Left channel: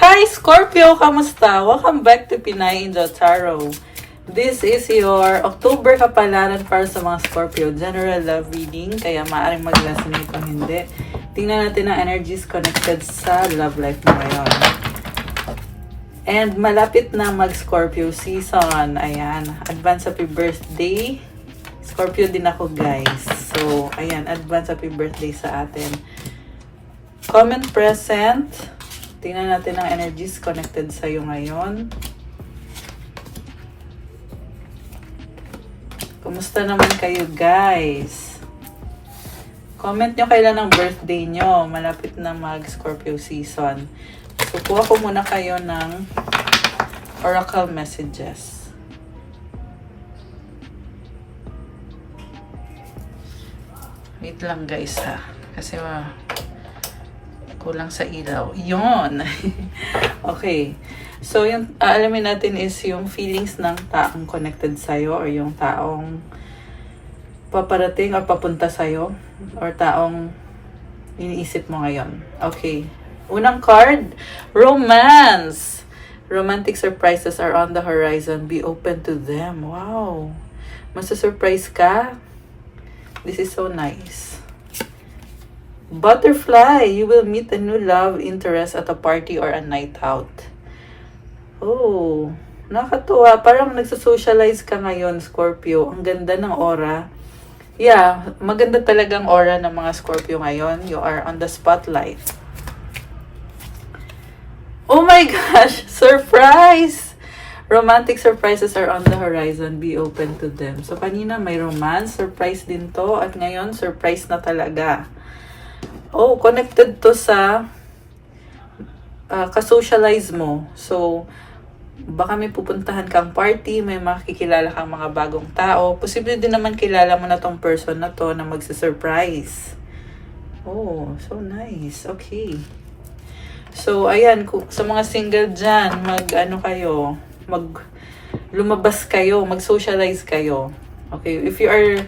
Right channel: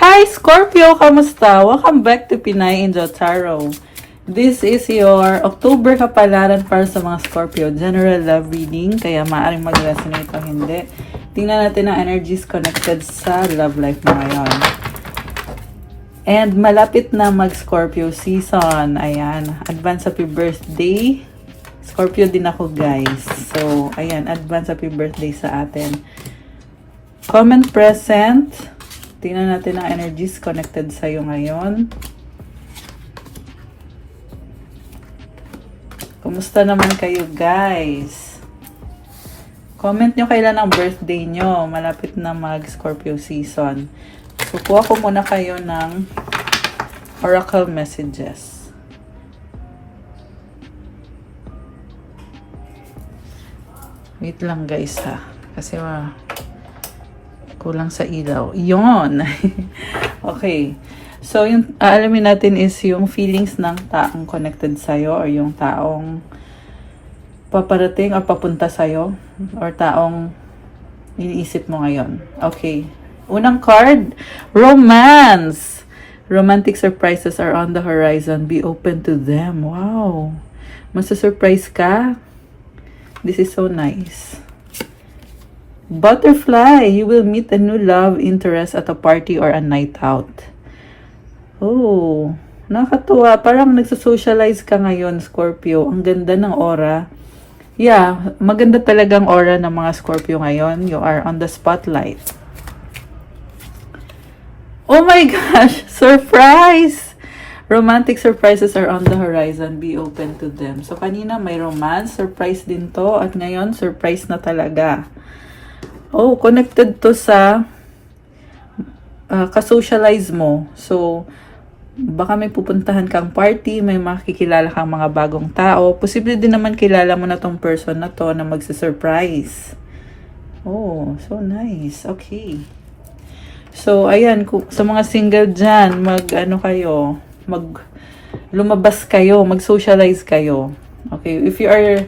Hi Scorpio! Kamusta? Welcome back to Pinay Angel Tarot. This is your October kapalaran para sa mga Scorpio. General love reading, kaya maaaring mag-resonate o hindi. Tingnan natin ang energies connected sa love life mo ngayon. And malapit na mag-Scorpio season. Ayan. Advance happy birthday. Scorpio din ako, guys. So, ayan. Advance happy birthday sa atin. Comment present. Tingnan natin ang energies connected sa'yo ngayon. Kumusta naman kayo, guys? Comment nyo kailan ang birthday nyo. Malapit na mag-Scorpio season. So, kuha ko muna kayo ng oracle messages. Wait lang, guys, ha. Kasi kulang sa ilaw. Yon. Okay. So, yung alamin natin is yung feelings ng taong connected sa'yo or yung taong paparating or papunta sa'yo or taong iniisip mo ngayon. Okay. Unang card, romance. Romantic surprises are on the horizon. Be open to them. Wow. Masa-surprise ka? This is so nice. Butterfly, you will meet a new love interest at a party or a night out. Oh, nakakatuwa. Parang nagsosocialize ka ngayon, Scorpio. Ang ganda ng aura. Yeah, maganda talagang aura ng mga Scorpio ngayon. You are on the spotlight. Oh my gosh, surprise! Romantic surprises are on the horizon. Be open to them. So, kanina may romance. Surprise din to. At ngayon, surprise na talaga. Oh, connected to sa kasocialize mo. So, baka may pupuntahan kang party, may makikilala kang mga bagong tao. Posible din naman kilala mo na tong person na to na magsisurprise. Oh, so nice. Okay. So, ayan, sa mga single dyan, lumabas kayo, mag-socialize kayo. Okay, if you are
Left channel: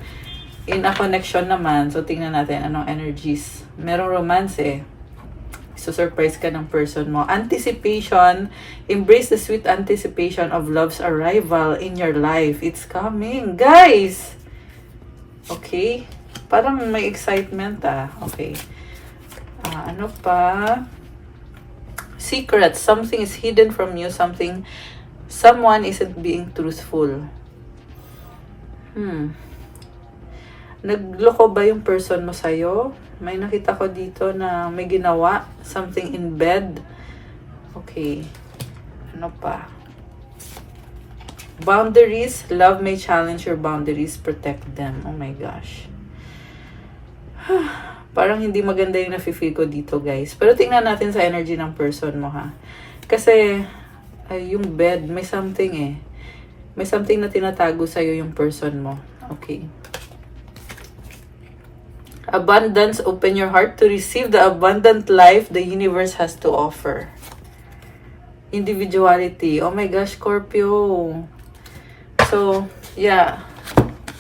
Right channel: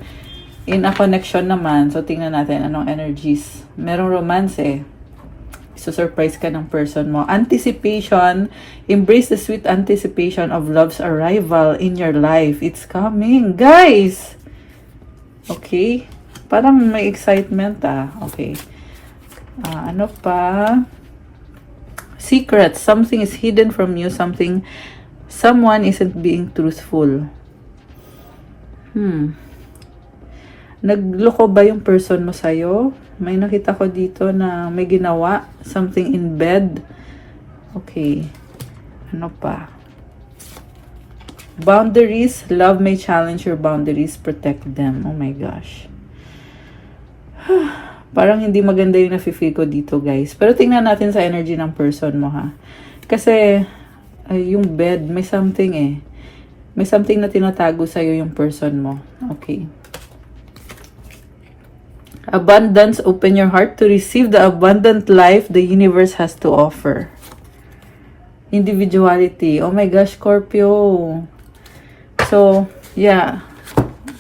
in a connection naman, so tingnan natin anong energies. Merong romance eh. So, surprise ka ng person mo. Anticipation. Embrace the sweet anticipation of love's arrival in your life. It's coming. Guys! Okay. Parang may excitement ah. Okay. Ano pa? Secrets. Something is hidden from you. Someone isn't being truthful. Nagloko ba yung person mo sa'yo? May nakita ko dito na may ginawa. Something in bed. Okay. Ano pa? Boundaries. Love may challenge your boundaries. Protect them. Oh my gosh. Parang hindi maganda yung nafe-feel ko dito, guys. Pero tingnan natin sa energy ng person mo, ha? Kasi, yung bed, may something eh. May something na tinatago sa'yo yung person mo. Okay. Abundance, open your heart to receive the abundant life the universe has to offer. Individuality. Oh my gosh, Scorpio. So, yeah.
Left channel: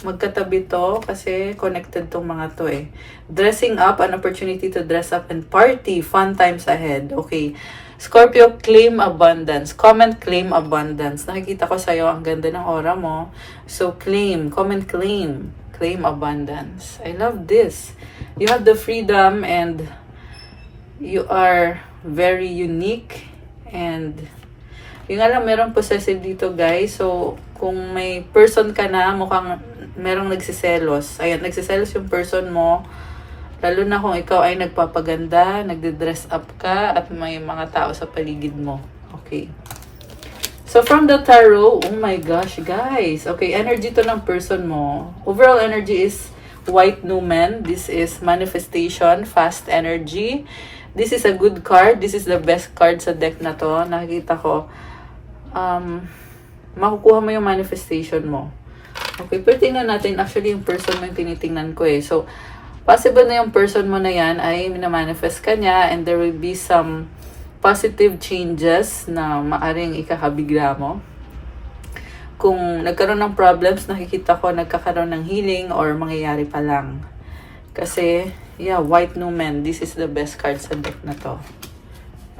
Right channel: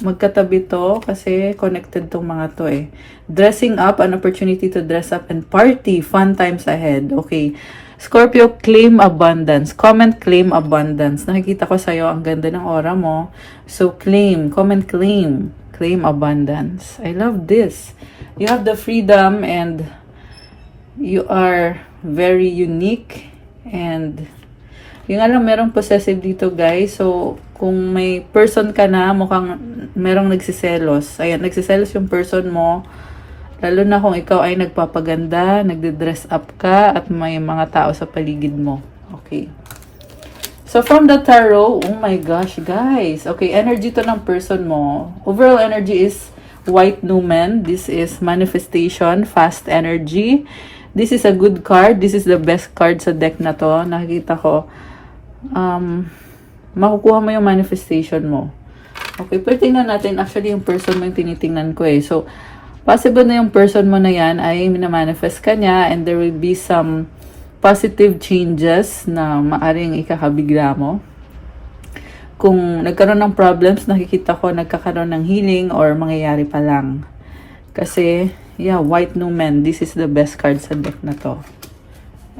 Magkatabi to kasi connected tong mga to eh. Dressing up, an opportunity to dress up and party. Fun times ahead. Okay. Scorpio, claim abundance. Comment, claim abundance. Nakikita ko sa'yo, ang ganda ng aura mo. So, claim. Comment, claim. Claim abundance. I love this. You have the freedom and you are very unique and yung merong possessive dito, guys. So, kung may person ka na, mukhang merong nagsiselos. Ayan, nagsiselos yung person mo. Lalo na kung ikaw ay nagpapaganda, nagde-dress up ka, at may mga tao sa paligid mo. Okay. So, from the tarot, oh my gosh, guys. Okay, energy to ng person mo. Overall energy is White Numen. This is manifestation, fast energy. This is a good card. This is the best card sa deck na to. Nakikita ko, makukuha mo yung manifestation mo. Okay, pero tingnan natin. Actually, yung person mo yung tinitingnan ko eh. So, possible na yung person mo na yan ay na-manifest ka niya and there will be some positive changes na maaring ikakabigla mo. Kung nagkaroon ng problems, nakikita ko nagkakaroon ng healing or mangyayari pa lang. Kasi, yeah, White Numen, this is the best card sa deck na to.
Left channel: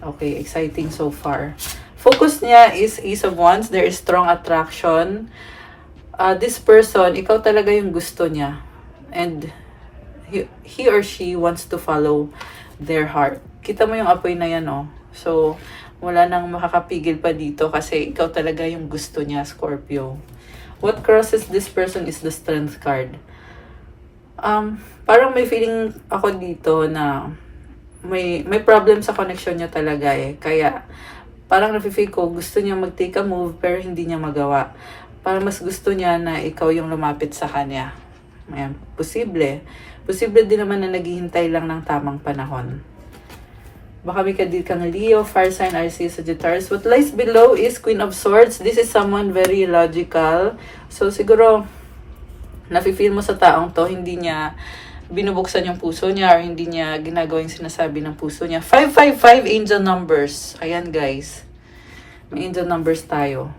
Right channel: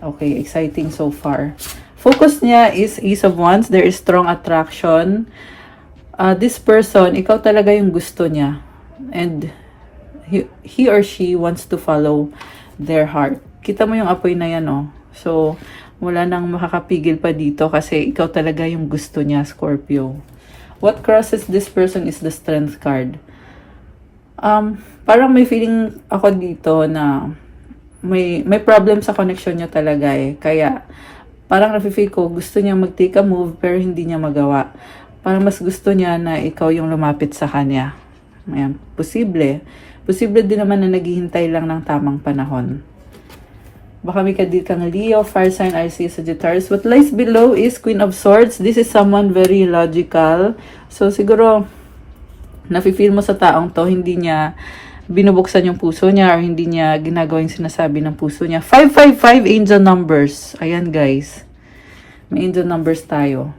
Okay, exciting so far. Focus niya is Ace of Wands. There is strong attraction. This person, ikaw talaga yung gusto niya. And he or she wants to follow their heart. Kita mo yung apoy na yan, oh. So, wala nang makakapigil pa dito kasi ikaw talaga yung gusto niya, Scorpio. What crosses this person is the Strength card. Parang may feeling ako dito na may problem sa connection niya talaga eh. Kaya, parang nafe-feel ko, gusto niya mag-take a move pero hindi niya magawa. Parang mas gusto niya na ikaw yung lumapit sa kanya. Ayan, posible. Posible din naman na naghihintay lang ng tamang panahon. Baka may kadil kang Leo, Fire sign, Aries, Sagittarius. What lies below is Queen of Swords. This is someone very logical. So, siguro, nafe-feel mo sa taong to, hindi niya binubuksan yung puso niya or hindi niya ginagawa yung sinasabi ng puso niya. 555 angel numbers. Ayan, guys. May angel numbers tayo.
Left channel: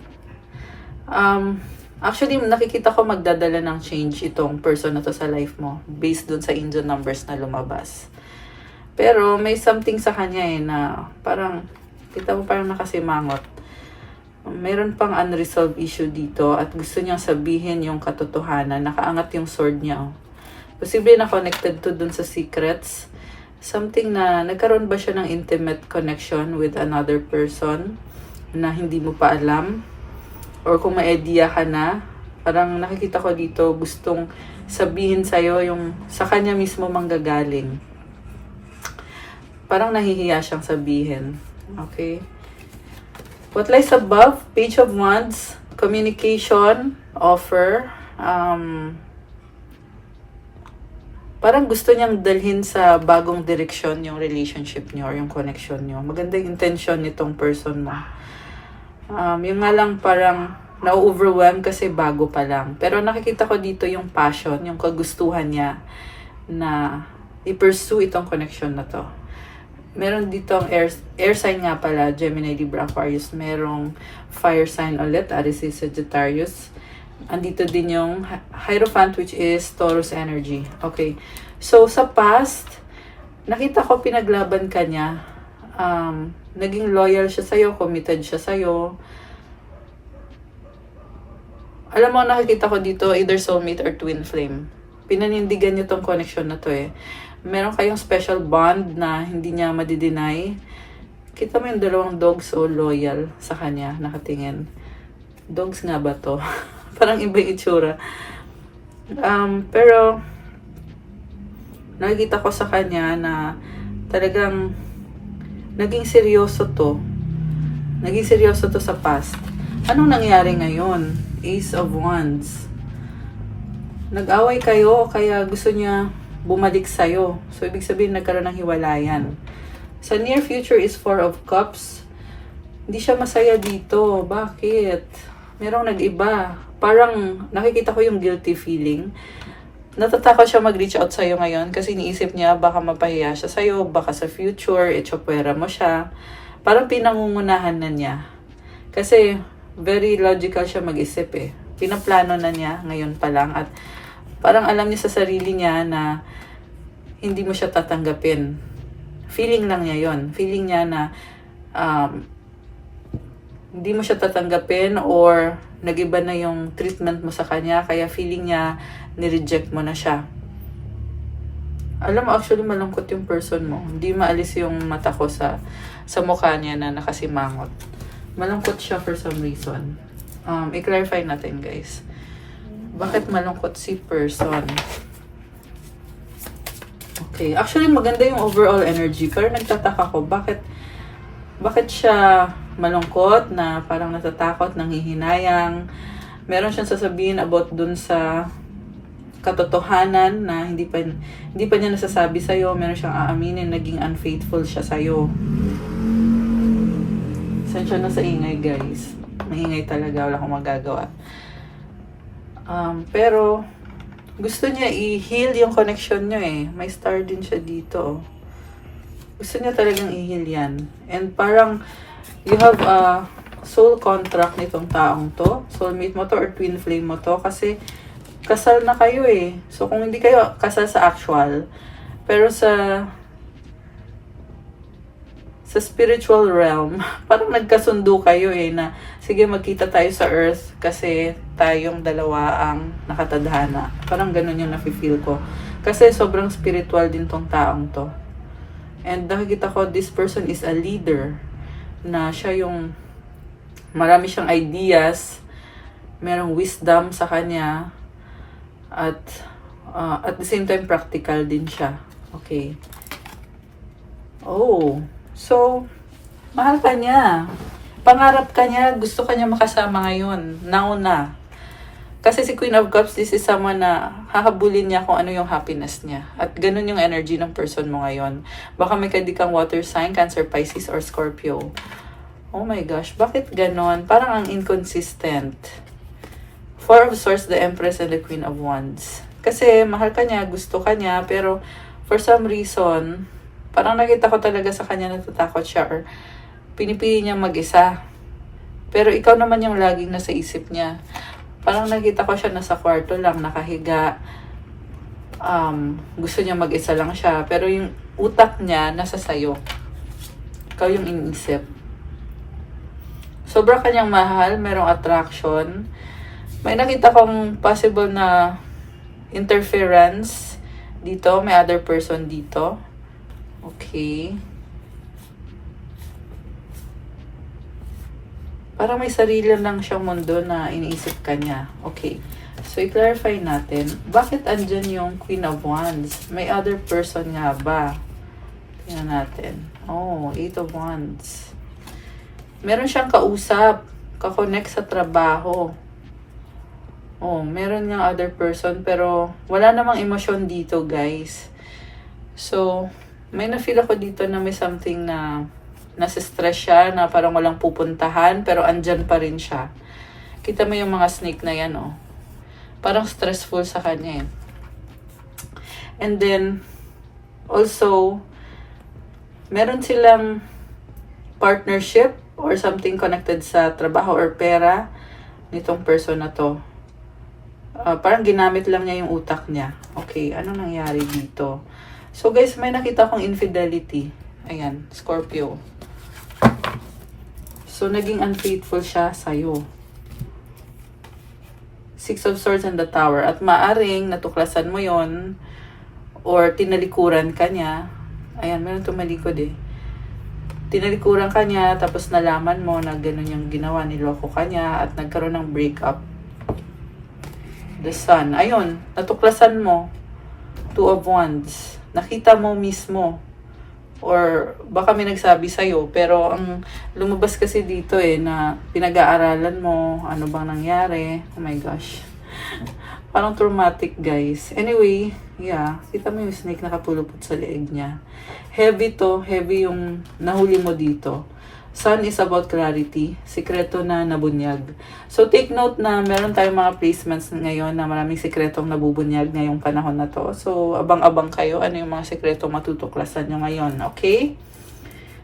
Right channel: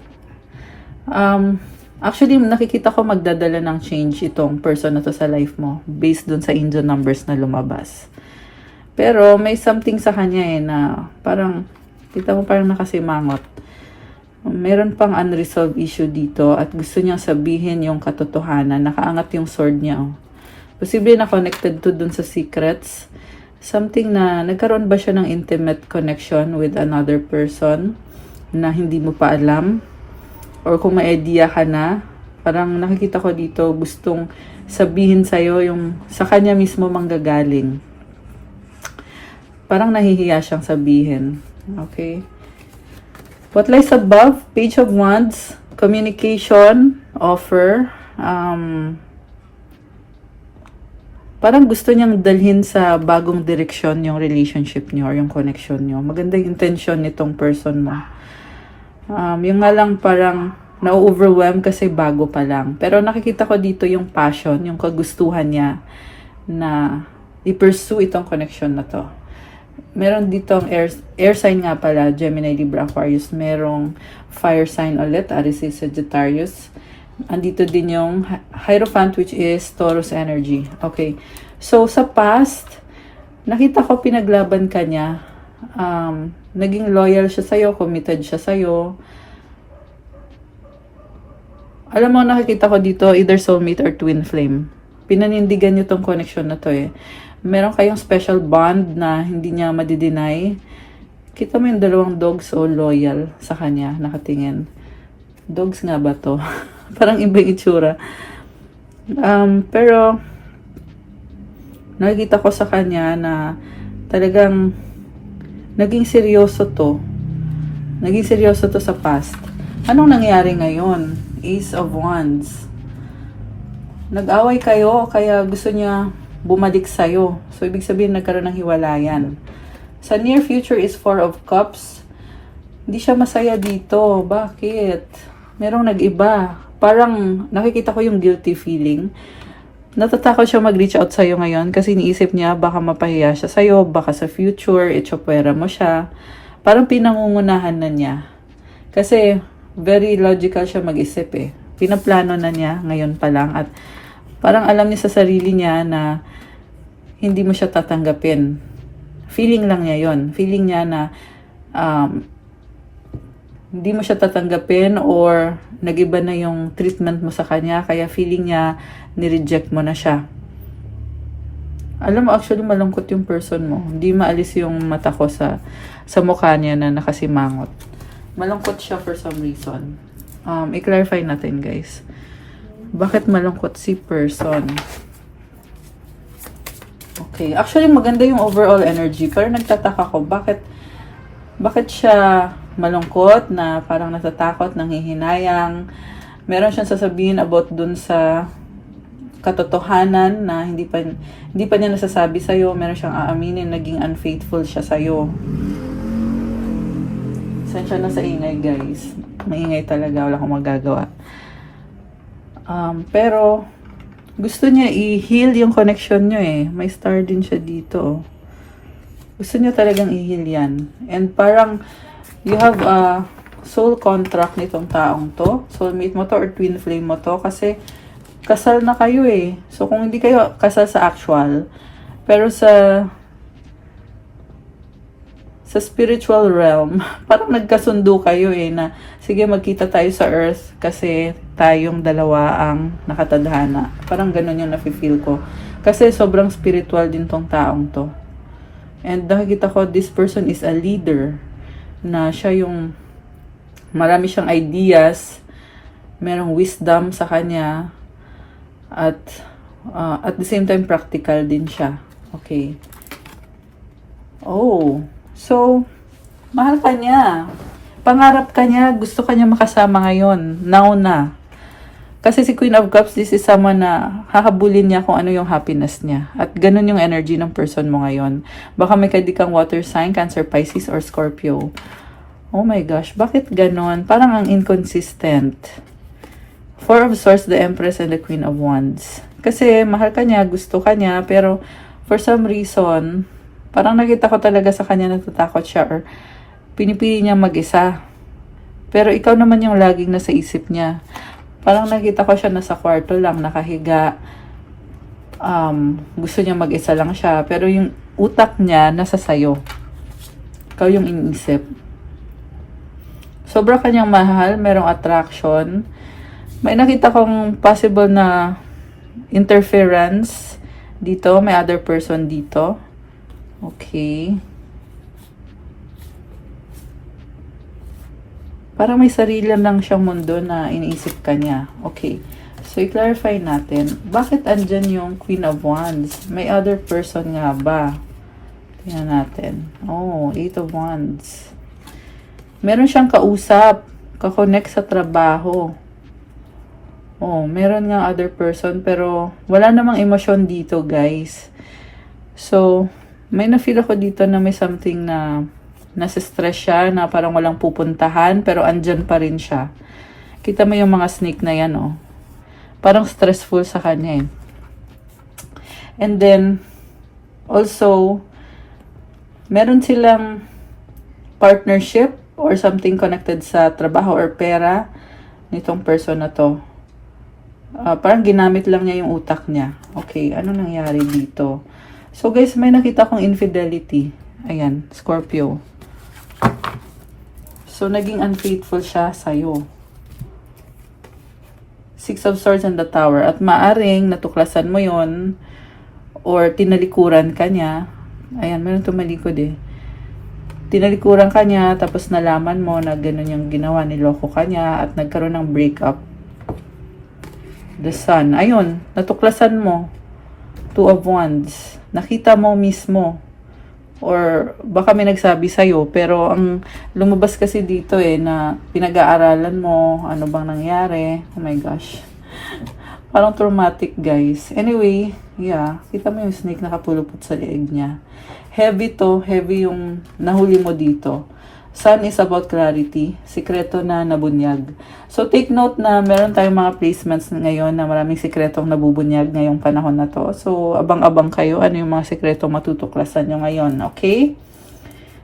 Actually, nakikita ko magdadala ng change itong person na to sa life mo based dun sa angel numbers na lumabas. Pero may something sa kanya eh na parang, kita mo parang nakasimangot. Meron pang unresolved issue dito at gusto niyang sabihin yung katotohanan. Nakaangat yung sword niya. Oh. Posible na connected to dun sa secrets. Something na nagkaroon ba siya ng intimate connection with another person na hindi mo pa alam? Or kung may idea ka na, parang nakikita ko dito gustong sabihin sa'yo yung sa kanya mismo manggagaling. Parang nahihiya siyang sabihin. Okay? What lies above? Page of Wands, communication, offer. Parang gusto niyang dalhin sa bagong direksyon yung relationship niyo or yung connection niyo. Maganda yung intention nitong person mo. Yung nga lang parang na-overwhelm kasi bago pa lang. Pero nakikita ko dito yung passion, yung kagustuhan niya na i-pursue itong connection na to. Meron ditong air sign nga pala, Gemini, Libra, Aquarius. Merong fire sign ulit, Aries, Sagittarius. Andito din yung Hierophant which is Taurus energy. Okay. So, sa past, nakita ko pinaglaban ka niya. Naging loyal siya sa'yo, committed siya sa'yo. Alam mo, nakikita ko dito, either soulmate or twin flame. Pinanindigan niyo tong connection na to eh. Meron kayong special bond na hindi niya madideny. Kita mo yung dalawang dogs so loyal sa kanya, nakatingin. Dogs nga ba to? Parang iba yung itsura. Pero, nakikita ko sa kanya na talagang naging seryoso to. Naging seryoso to sa past. Anong nangyari ngayon? Ace of Wands. Nag-away kayo, kaya gusto niya bumalik sa'yo. So, ibig sabihin, nagkaroon ng hiwalayan. Sa near future is Four of Cups. Hindi siya masaya dito. Bakit? Merong nag-iba. Parang nakikita ko yung guilty feeling. Natatakot siya mag-reach out sa'yo ngayon kasi iniisip niya baka mapahiya siya sa'yo, baka sa future, itsopwera mo siya. Parang pinangungunahan na niya. Kasi very logical siya mag-isip eh. Pinaplano na niya ngayon pa lang at parang alam niya sa sarili niya na hindi mo siya tatanggapin. Feeling lang niya yon. Feeling niya na hindi mo siya tatanggapin or nag-iba na yung treatment mo sa kanya, kaya feeling niya ni-reject mo na siya. Alam mo, actually malungkot yung person mo. Hindi maalis yung mata ko sa mukha niya na nakasimangot. Malungkot siya for some reason. I-clarify natin, guys. Bakit malungkot si person? Okay. Actually, maganda yung overall energy. Pero nagtataka ko, bakit siya malungkot na parang natatakot, nanghihinayang. Meron siyang sasabihin about dun sa katotohanan na hindi pa niya nasasabi sa'yo. Meron siyang aaminin, naging unfaithful siya sa'yo. Sensya na sa ingay, guys. Maingay talaga, wala akong magagawa. Pero, gusto niya i-heal yung connection niyo eh. May star din siya dito. Gusto niya talagang i-heal yan. And parang, you have a soul contract nitong taong to. Soulmate mo to or twin flame mo to. Kasi, kasal na kayo eh. So, kung hindi kayo kasal sa actual, pero sa sa spiritual realm, parang nagkasundo kayo na sige magkita tayo sa earth kasi tayong dalawa ang nakatadhana. Parang ganun yung nafe-feel ko. Kasi sobrang spiritual din tong taong to. And nakikita ko, this person is a leader. Na siya yung marami siyang ideas, merong wisdom sa kanya, at the same time practical din siya. Okay. Oh, so mahal ka niya. Pangarap ka niya, gusto ka niya makasama ngayon. Now na. Kasi si Queen of Cups, this is someone na hahabulin niya kung ano yung happiness niya. At ganun yung energy ng person mo ngayon. Baka may kang water sign, Cancer, Pisces, or Scorpio. Oh my gosh, bakit ganon? Parang ang inconsistent. Four of Swords, the Empress, and the Queen of Wands. Kasi mahal ka niya, gusto ka niya, pero for some reason, parang nakita ko talaga sa kanya natatakot siya or pinipili niya mag-isa. Pero ikaw naman yung laging nasa isip niya. Parang nakita ko siya nasa kwarto lang, nakahiga. Gusto niya mag-isa lang siya. Pero yung utak niya nasa sayo. Ikaw yung iniisip. Sobra kanyang mahal, merong attraction. May nakita kong possible na interference dito. May other person dito. Okay. Para may sarili lang siyang mundo na iniisip ka niya. Okay. So, i-clarify natin. Bakit andyan yung Queen of Wands? May other person nga ba? Tingnan natin. Oh, Eight of Wands. Meron siyang kausap. Kakonect sa trabaho. Oh, meron nga other person. Pero, wala namang emosyon dito, guys. So, may na-feel ako dito na may something na nasa-stress siya, na parang walang pupuntahan, pero andyan pa rin siya. Kita mo yung mga snake na yan, oh. Parang stressful sa kanya, eh. And then, also, meron silang partnership or something connected sa trabaho or pera nitong person na to. Parang ginamit lang niya yung utak niya. Okay, ano nangyari dito? So guys, may nakita kong infidelity. Ayan, Scorpio. So, naging unfaithful siya sa'yo. Six of Swords and the Tower. At maaring natuklasan mo yon or tinalikuran ka niya. Ayan, meron tumalikod eh. Tinalikuran ka niya, tapos nalaman mo na gano'n yung ginawa, niloko ka niya, at nagkaroon ng breakup. The Sun. Ayun, natuklasan mo. Two of Wands. Nakita mo mismo. Or baka may nagsabi sa'yo. Pero ang lumabas kasi dito na pinag-aaralan mo. Ano bang nangyari? Oh my gosh. Parang traumatic, guys. Anyway, yeah. Kita mo yung snake nakapulupot sa leeg niya. Heavy to. Heavy yung nahuli mo dito. Sun is about clarity. Sikreto na nabunyag. So, take note na meron tayong mga placements ngayon na maraming sikretong nabubunyag ngayong panahon na to. So, abang-abang kayo ano yung mga sikretong matutuklasan nyo ngayon. Okay?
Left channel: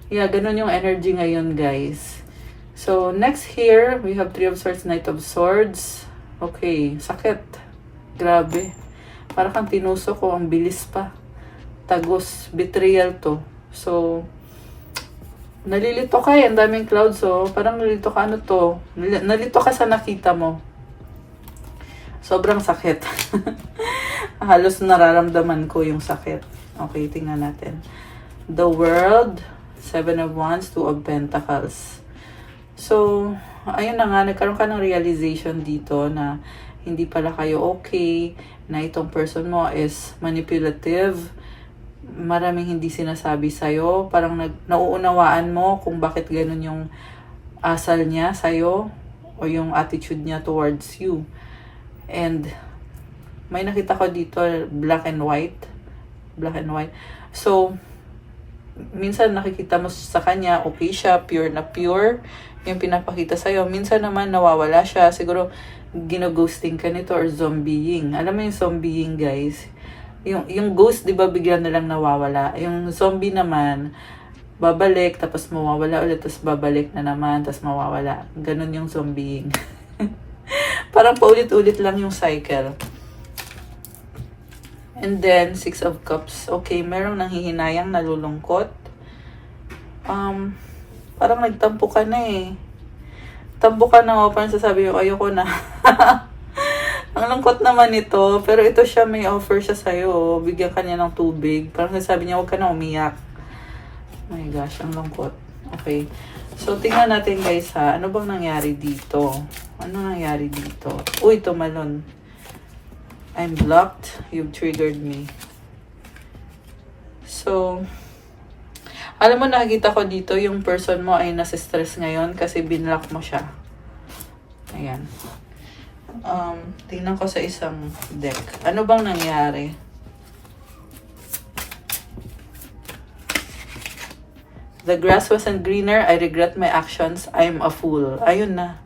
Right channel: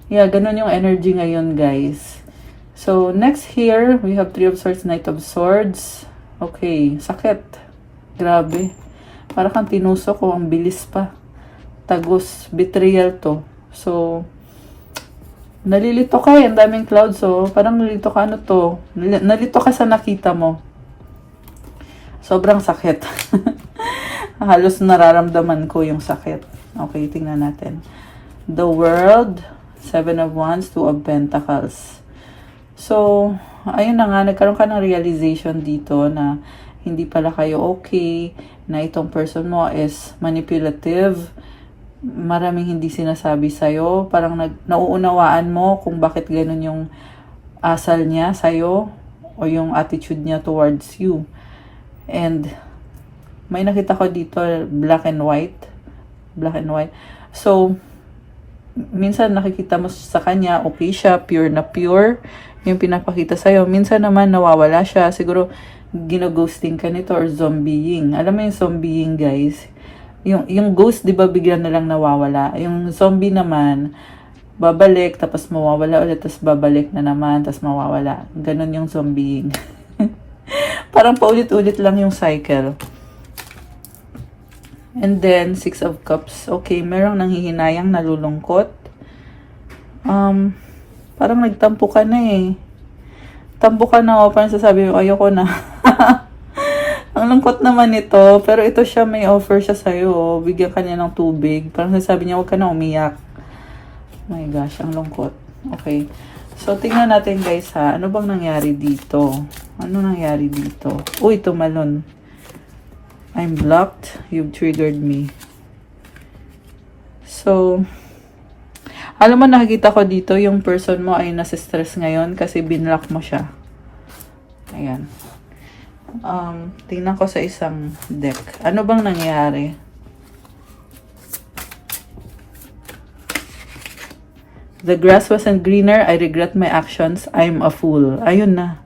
Yeah, ganun yung energy ngayon, guys. So, next here, we have Three of Swords, Knight of Swords. Okay, sakit. Grabe. Para kang tinusok ko, ang bilis pa. Tagos, betrayal to. So, nalilito ka ang daming clouds, so parang nalilito ka, ano to? Nalito ka sa nakita mo. Sobrang sakit. Halos nararamdaman ko yung sakit. Okay, tingnan natin. The World, Seven of Wands, Two of Pentacles. So, ayun na nga, nagkaroon ka ng realization dito na hindi pala kayo okay, na itong person mo is manipulative, maraming hindi sinasabi sa'yo, parang nauunawaan mo kung bakit ganun yung asal niya sa'yo o yung attitude niya towards you. And may nakita ko dito black and white. So minsan nakikita mo sa kanya okay siya, pure na pure yung pinapakita sa'yo. Minsan naman nawawala siya, siguro gino-ghosting ka nito or zombieing. Alam mo yung zombieing, guys? Yung ghost, di ba, bigla na lang nawawala. Yung zombie naman, babalik, tapos mawawala ulit, tapos babalik na naman, tapos mawawala. Ganon yung zombieing. Parang paulit-ulit lang yung cycle. And then, Six of Cups. Okay, merong nanghihinayang nalulungkot. Parang nagtampo ka na eh. Tampo ka na o, parang sasabi mo, ayoko na. Ang lungkot naman ito, pero ito siya, may offer siya sa'yo. Bigyan ka niya ng tubig. Parang sasabi niya, huwag ka na umiyak. Oh my gosh, ang lungkot. Okay. So, tingnan natin guys ha. Ano bang nangyari dito? Ano nangyari dito? Uy, tumalon. I'm blocked. You've triggered me. So, alam mo, nakikita ko dito, yung person mo ay nasa stress ngayon kasi binlock mo siya. Ayan. Tingnan ko sa isang deck. Ano bang nangyari? The grass wasn't greener. I regret my actions. I'm a fool. Ayun na.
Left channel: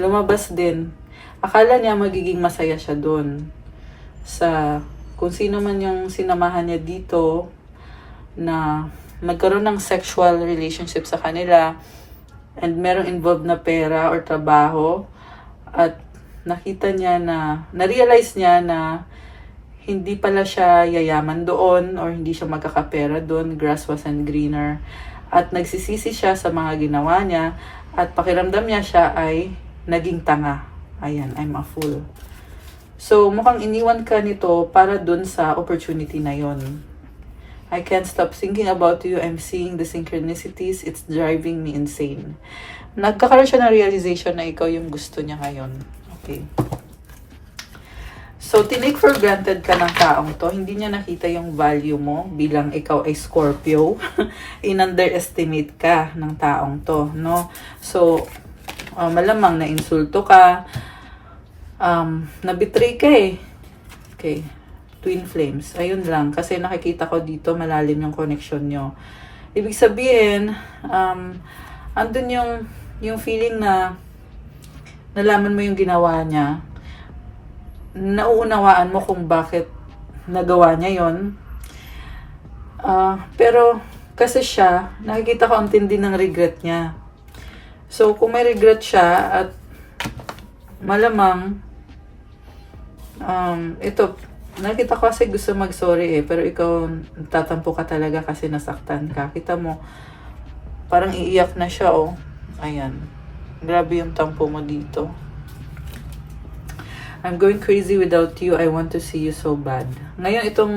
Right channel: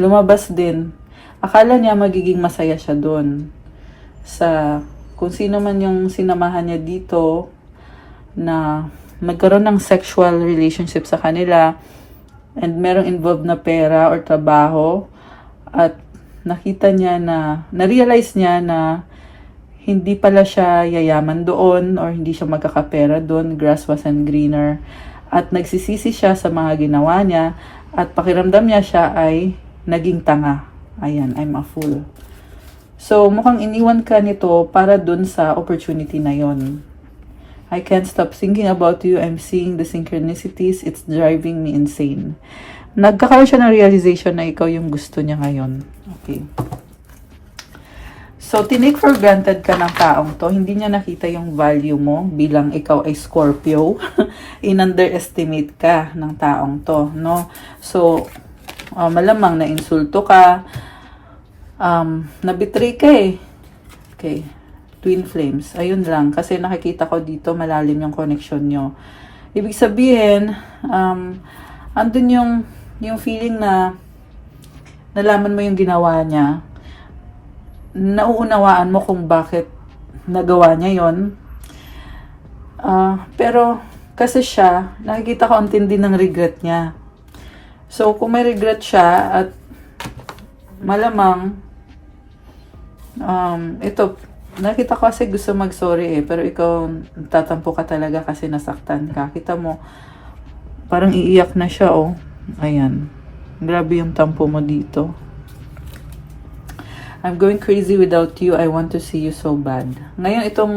Lumabas din. Akala niya magiging masaya siya doon. Sa kung sino man yung sinamahan niya dito na magkaroon ng sexual relationship sa kanila and merong involved na pera or trabaho at nakita niya na, na-realize niya na hindi pala siya yayaman doon or hindi siya magkakapera doon. Grass wasn't greener. At nagsisisi siya sa mga ginawa niya at pakiramdam niya siya ay naging tanga. Ayan, I'm a fool. So, mukhang iniwan ka nito para dun sa opportunity na yon. I can't stop thinking about you. I'm seeing the synchronicities. It's driving me insane. Nagkakaroon siya ng realization na ikaw yung gusto niya ngayon. Okay. So, tinake for granted ka ng taong to. Hindi niya nakita yung value mo bilang ikaw ay Scorpio. In-underestimate ka ng taong to, no? So, malamang na-insulto ka. Nabitray ka eh. Okay. Twin flames. Ayun lang. Kasi nakikita ko dito malalim yung connection nyo. Ibig sabihin, andun yung feeling na nalaman mo yung ginawa niya. Nauunawaan mo kung bakit nagawa niya yon. Pero kasi siya, nakikita ko ang tindi ng regret niya. So, kung may regret siya at malamang ito, nakita ko kasi gusto mag-sorry eh, pero ikaw tatampo ka talaga kasi nasaktan ka. Kita mo, parang iiyak na siya oh. Ayan. Grabe yung tampo mo dito. I'm going crazy without you. I want to see you so bad. Ngayon, itong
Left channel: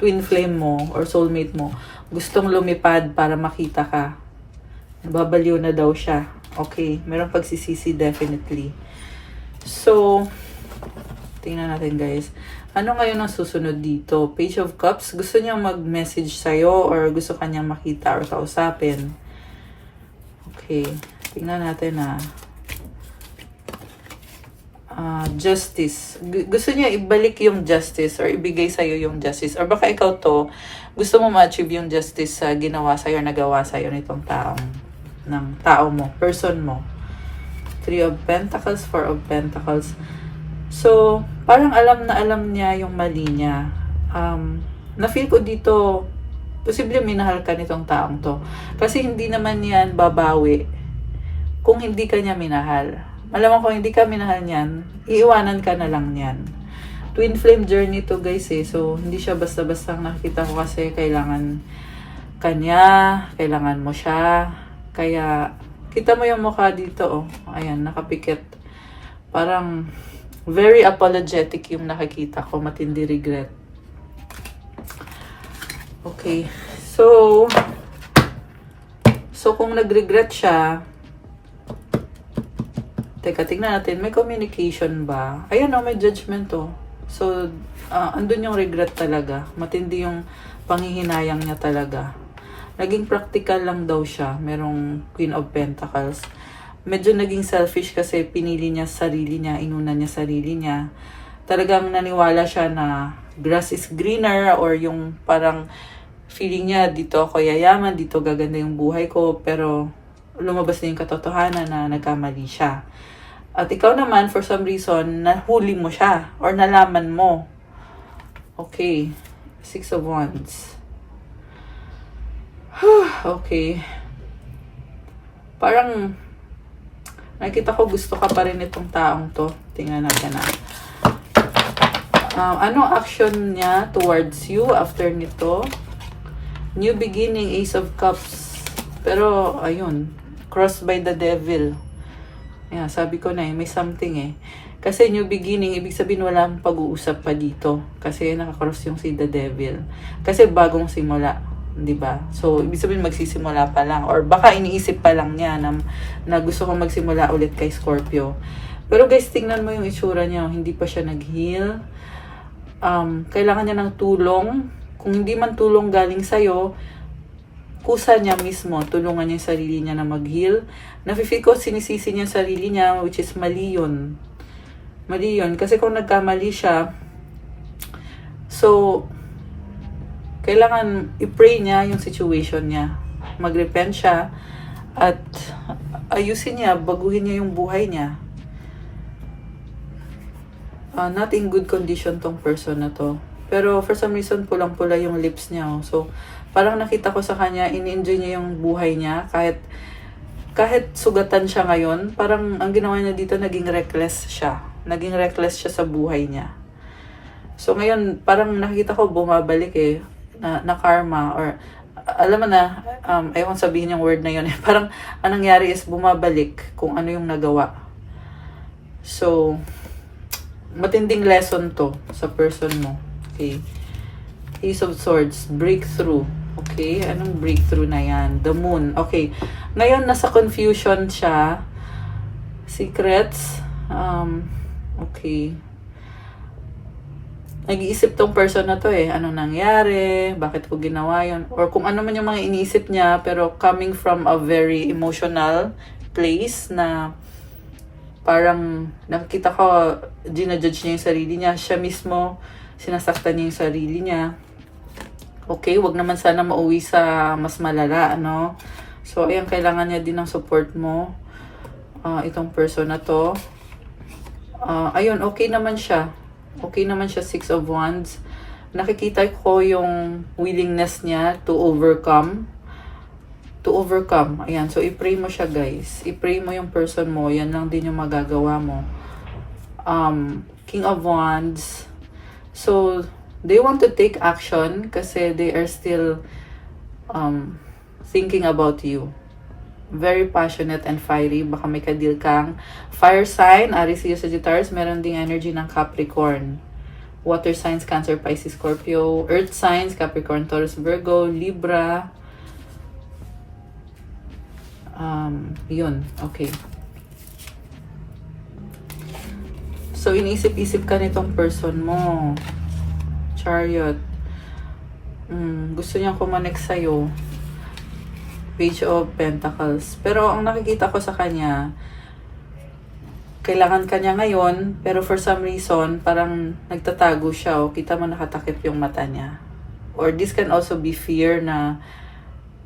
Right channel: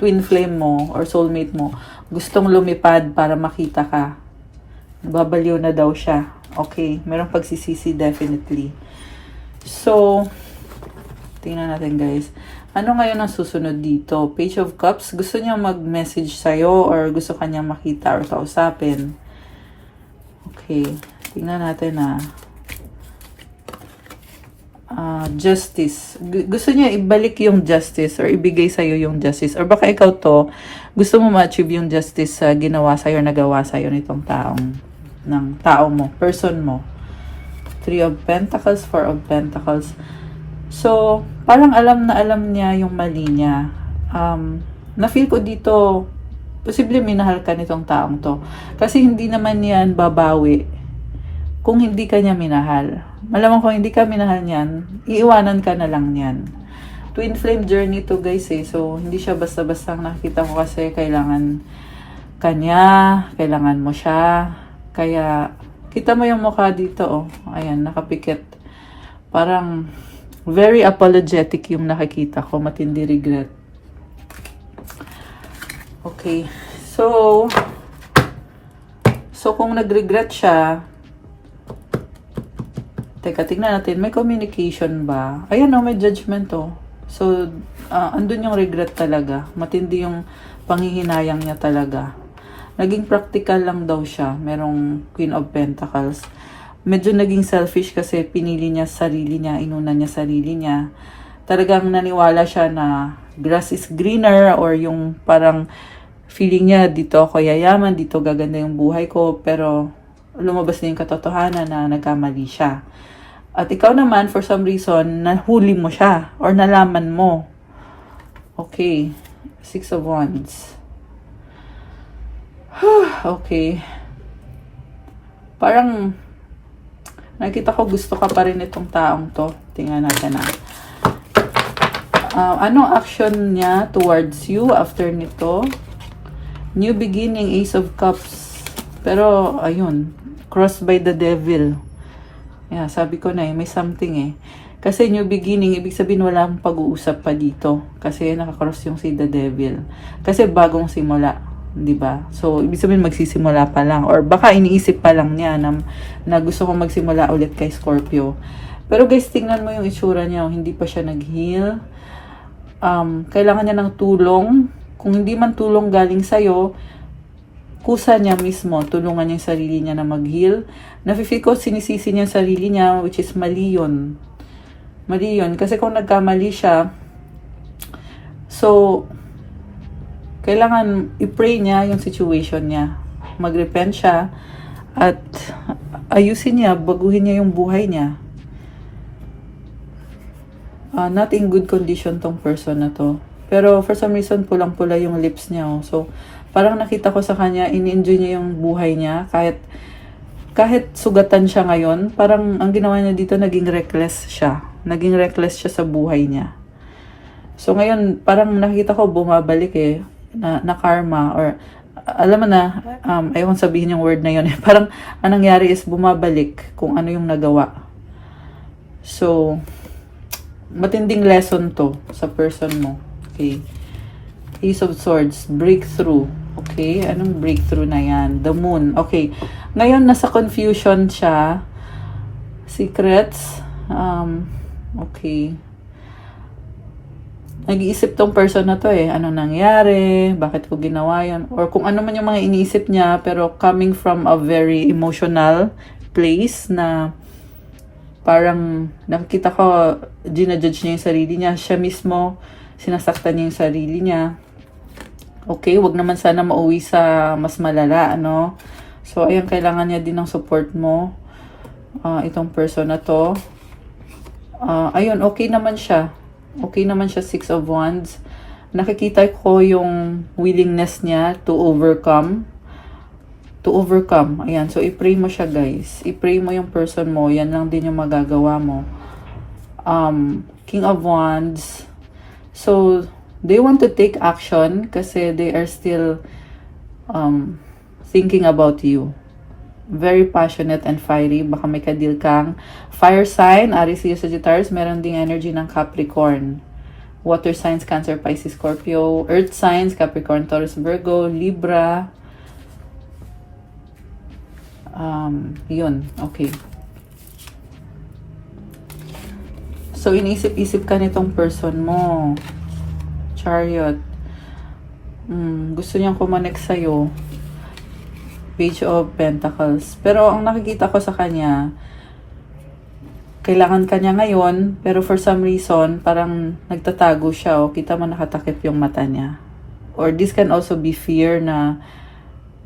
twin flame mo or soulmate mo, gustong lumipad para makita ka. Babaliw na daw siya. Okay, merong pagsisisi definitely. So, tingnan natin guys. Ano ngayon ang susunod dito? Page of Cups. Gusto niya mag-message sa'yo or gusto kanyang makita or kausapin. Okay, tingnan natin justice. Gusto niya ibalik yung justice or ibigay sa'yo yung justice. Or baka ikaw to, gusto mo ma-achieve yung justice sa ginawa sa'yo, nagawa sa'yo nitong tao mo, person mo. 3 of Pentacles, 4 of Pentacles. So, parang alam na alam niya yung mali niya. Na-feel ko dito, posible minahal ka nitong taong to. Kasi hindi naman yan babawi kung hindi ka niya minahal. Malamang kung hindi ka minahal niyan, iiwanan ka na lang niyan. Twin flame journey to guys eh. So, hindi siya basta-basta nakita ko kasi kailangan kanya, kailangan mo siya. Kaya, kita mo yung mukha dito oh. Ayan, nakapikit. Parang, very apologetic yung nakikita ko. Matindi regret. Okay. So kung nag-regret siya, teka, tingnan natin, may communication ba? Ayun o, may judgment o. So, andun yung regret talaga. Matindi yung panghihinayang niya talaga. Naging practical lang daw siya. Merong Queen of Pentacles. Medyo naging selfish kasi pinili niya sarili niya, inuna niya sarili niya. Talagang naniwala siya na grass is greener or yung parang feeling niya dito ako yayaman, dito gaganda yung buhay ko, pero lumabas na yung katotohanan na nagkamali siya. At ikaw naman, for some reason, nahuli mo siya or nalaman mo. Okay. 6 of Wands. Okay. Parang nakita ko gusto ka pa rin itong taong to. Tingnan natin na. Anong action niya towards you after nito? New beginning, Ace of Cups. Pero, ayun, crossed by the devil. Yeah, sabi ko na may something Kasi new beginning, ibig sabihin walang pag-uusap pa dito. Kasi nakakross yung si the devil. Kasi bagong simula, di ba? So, ibig sabihin magsisimula pa lang. Or baka iniisip pa lang niya na gusto ko magsimula ulit kay Scorpio. Pero guys, tingnan mo yung itsura niya. Hindi pa siya nag-heal. Kailangan niya ng tulong. Kung hindi man tulong galing sa'yo, kusa niya mismo, tulungan niya yung sarili niya na mag-heal. Nafe-feel ko sinisisi niya yung sarili niya, which is mali yun. Mali yun. Kasi kung nagkamali siya, so, kailangan i-pray niya yung situation niya. Mag-repent siya, at ayusin niya, baguhin niya yung buhay niya. Not in good condition tong person na to. Pero for some reason, pulang-pula yung lips niya. So, parang nakita ko sa kanya, in-enjoy niya yung buhay niya. Kahit sugatan siya ngayon, parang ang ginawa niya dito, naging reckless siya. Naging reckless siya sa buhay niya. So, ngayon, parang nakita ko bumabalik na karma. Or, alam mo na, ewan sabihin yung word na yun. Parang, ang nangyari is bumabalik kung ano yung nagawa. So, matinding lesson to sa person mo. Okay. Ace of Swords, breakthrough. Okay, anong breakthrough na yan? The Moon. Okay, ngayon nasa confusion siya. Secrets. Okay. Nag-iisip tong person na to anong nangyari? Bakit ko ginawa yun? Or kung ano man yung mga iniisip niya, pero coming from a very emotional place na parang nakikita ko, ginajudge niya yung sarili niya. Siya mismo, sinasaktan niya yung sarili niya. Okay, wag naman sana mauwi sa mas malala, ano? So, ayun, kailangan niya din ng support mo. Itong person na to. Ayun, okay naman siya. Okay naman siya, 6 of Wands. Nakikita ko yung willingness niya to overcome. Ayan, so i-pray mo siya, guys. I-pray mo yung person mo. Yan lang din yung magagawa mo. King of Wands. So, they want to take action kasi they are still thinking about you. Very passionate and fiery. Baka may kadil kang fire sign, Aries, Leo, Sagittarius. Meron ding energy ng Capricorn. Water signs, Cancer, Pisces, Scorpio. Earth signs, Capricorn, Taurus, Virgo, Libra. Yun. Okay. So, iniisip-isip ka nitong person mo. Chariot. Gusto niyang kumonek sa'yo. Page of Pentacles. Pero, ang nakikita ko sa kanya, kailangan kanya ngayon, pero for some reason, parang nagtatago siya, kita mo nakatakip yung mata niya. Or this can also be fear na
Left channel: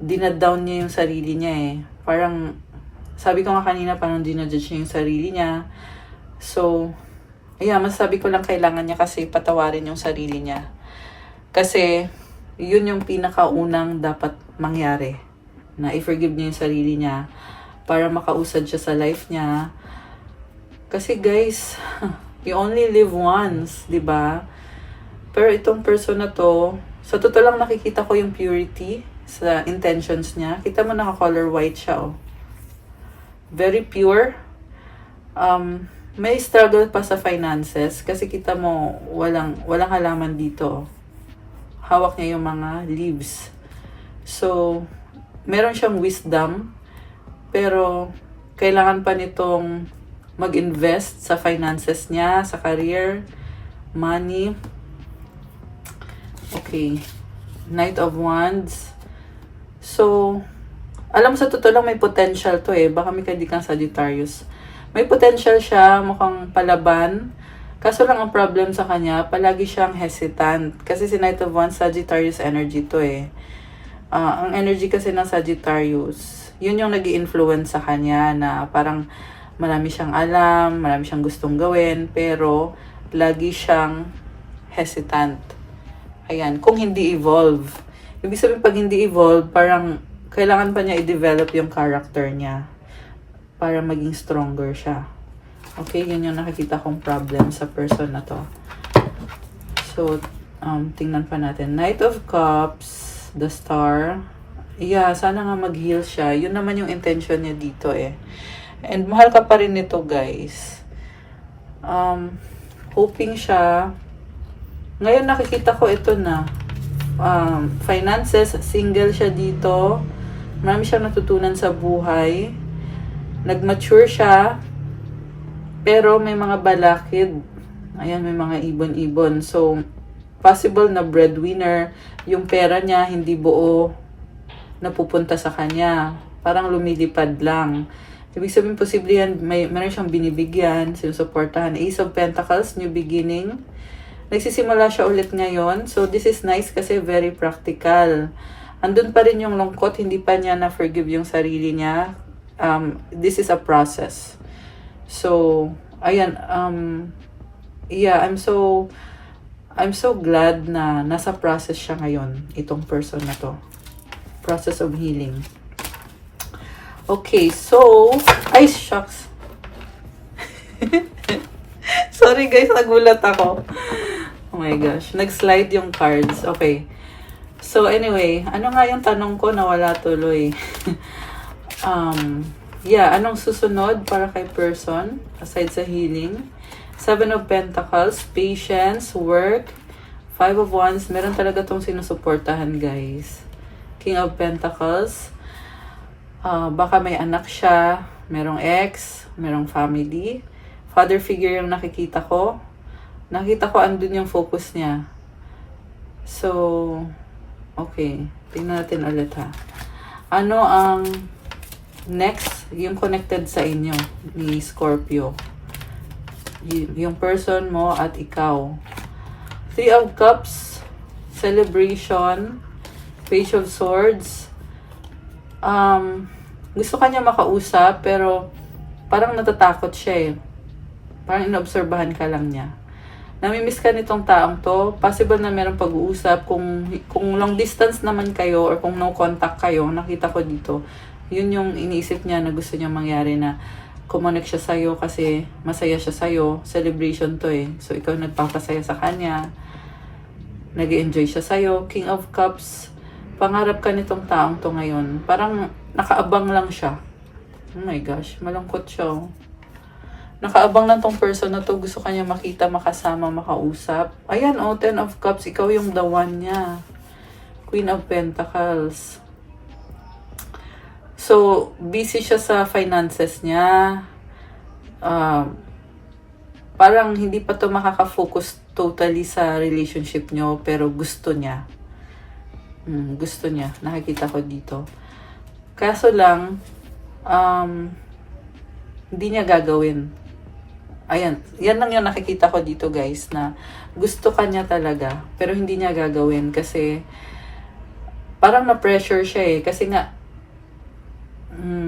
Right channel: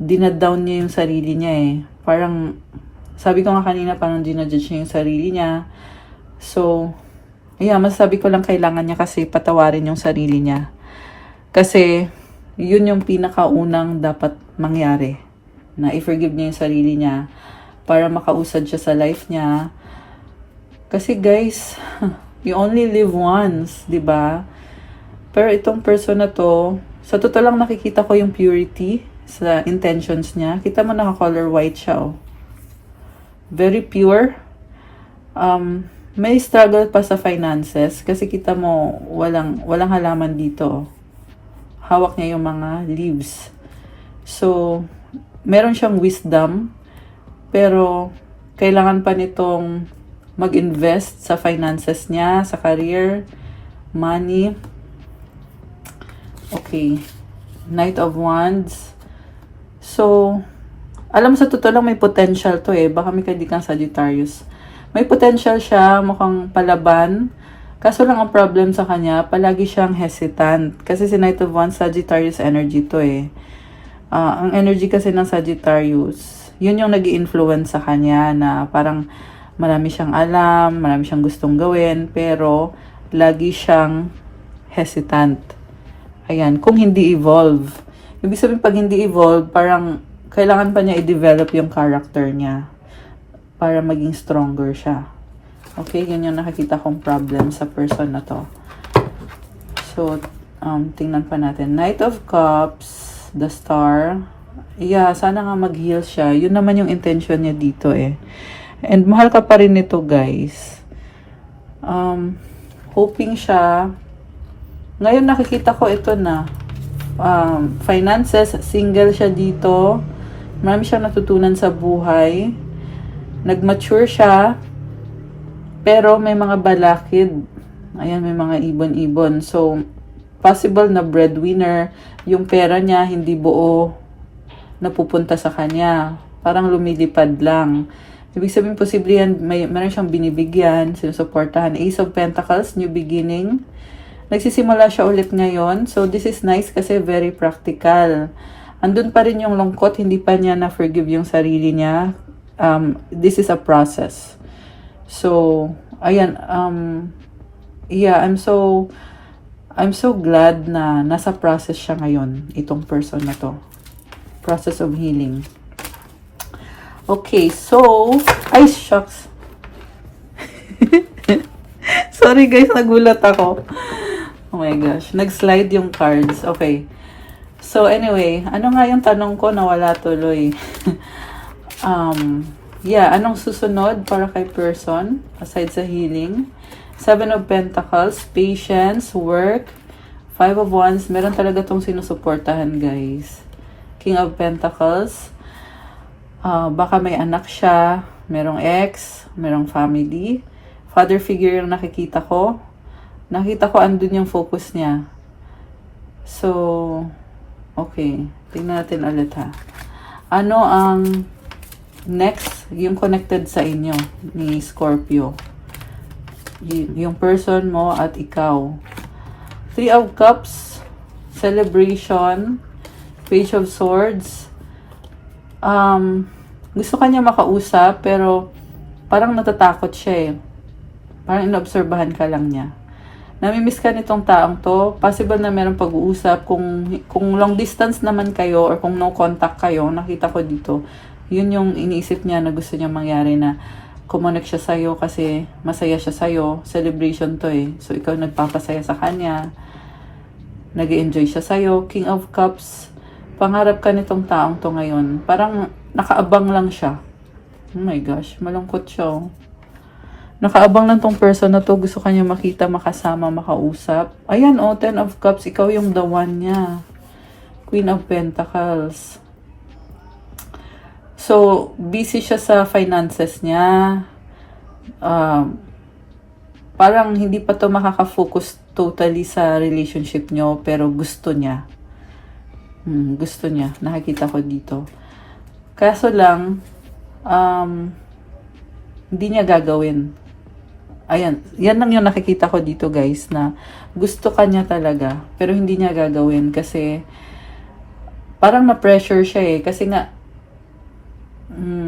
dinadown niya yung sarili niya Parang, sabi ko nga kanina, parang dinajudge niya yung sarili niya. So, yeah, masasabi ko lang kailangan niya kasi patawarin yung sarili niya. Kasi, yun yung pinakaunang dapat mangyari. Na i-forgive niya yung sarili niya para makausad siya sa life niya. Kasi guys, you only live once, di ba? Pero itong person na to, sa totoo lang nakikita ko yung purity sa intentions niya. Kita mo naka-color white siya, Very pure. May struggle pa sa finances kasi kita mo walang halaman dito. Hawak niya yung mga leaves. So, meron siyang wisdom pero kailangan pa nitong mag-invest sa finances niya, sa career, money. Okay. Knight of Wands. So, alam mo sa totoo lang may potential to Baka may kadikang Sagittarius. May potential siya, mukhang palaban. Kaso lang ang problem sa kanya, palagi siyang hesitant. Kasi si Knight of Wands, Sagittarius energy to ang energy kasi ng Sagittarius, yun yung nag-i-influence sa kanya na parang marami siyang alam, marami siyang gustong gawin, pero lagi siyang hesitant. Ayan, kung hindi evolve. Ibig sabihin pag hindi evolve, parang kailangan pa niya i-develop yung character niya para maging stronger siya. Okay, yun yung nakikita kong problem sa person na to. So, tingnan pa natin. Knight of Cups, the Star, Yeah, sana nga mag-heal siya. Yun naman yung intention niya dito eh. And mahal ka pa rin nito, guys. Hoping siya. Ngayon nakikita ko ito na. Finances, single siya dito. Marami siyang natutunan sa buhay. Nag-mature siya. Pero may mga balakid. Ayan, may mga ibon-ibon. So, possible na breadwinner. Yung pera niya, hindi buo napupunta sa kanya. Parang lumilipad lang. Ibig sabihin, posible yan, meron siyang binibigyan, sinusuportahan. Ace of Pentacles, new beginning. Nagsisimula siya ulit ngayon. So, this is nice kasi very practical. Andun pa rin yung lungkot, hindi pa niya na-forgive yung sarili niya. This is a process. So, ayan, yeah, I'm so glad na nasa process siya ngayon, itong person na to. Process of healing. Okay, so, ay, shucks. Sorry guys, nagulat ako. Oh my gosh, nag-slide yung cards. Okay. So, anyway, ano nga yung tanong ko na wala tuloy? Yeah, anong susunod para kay person, aside sa healing? 7 of Pentacles, patience, work, 5 of Wands, meron talaga tong sinusuportahan, guys. King of Pentacles, baka may anak siya, merong ex, merong family. Father figure yung nakikita ko. Nakita ko andun yung focus niya. So, okay. Tingnan natin ulit ha. Ano ang next, yung connected sa inyo ni Scorpio? Yung person mo at ikaw. 3 of Cups, celebration, Page of Swords. Gusto kanya makausap, pero parang natatakot siya eh. Parang inobserbahan ka lang niya. Namimiss ka nitong taong to. Possible na meron pag-uusap. Kung long distance naman kayo, or kung no contact kayo, nakita ko dito, yun yung iniisip niya na gusto niya mangyari, na kumonek siya sa'yo kasi masaya siya sa'yo. Celebration to eh. So, ikaw nagpapasaya sa kanya. Nag-enjoy siya sa'yo. King of Cups. Pangarap ka nitong taong to ngayon. Parang nakaabang lang siya. Oh my gosh, malungkot siya oh. Nakaabang lang tong person na to. Gusto kanya makita, makasama, makausap. Ayan oh, 10 of Cups. Ikaw yung the one niya. Queen of Pentacles. So, busy siya sa finances niya. Parang hindi pa to makaka-focus totally sa relationship niyo, pero gusto niya. Gusto niya. Nakikita ko dito. Kaso lang, hindi niya gagawin. Ayan. Yan lang yung nakikita ko dito, guys, na gusto ka niya talaga, pero hindi niya gagawin kasi parang na-pressure siya eh. Kasi nga,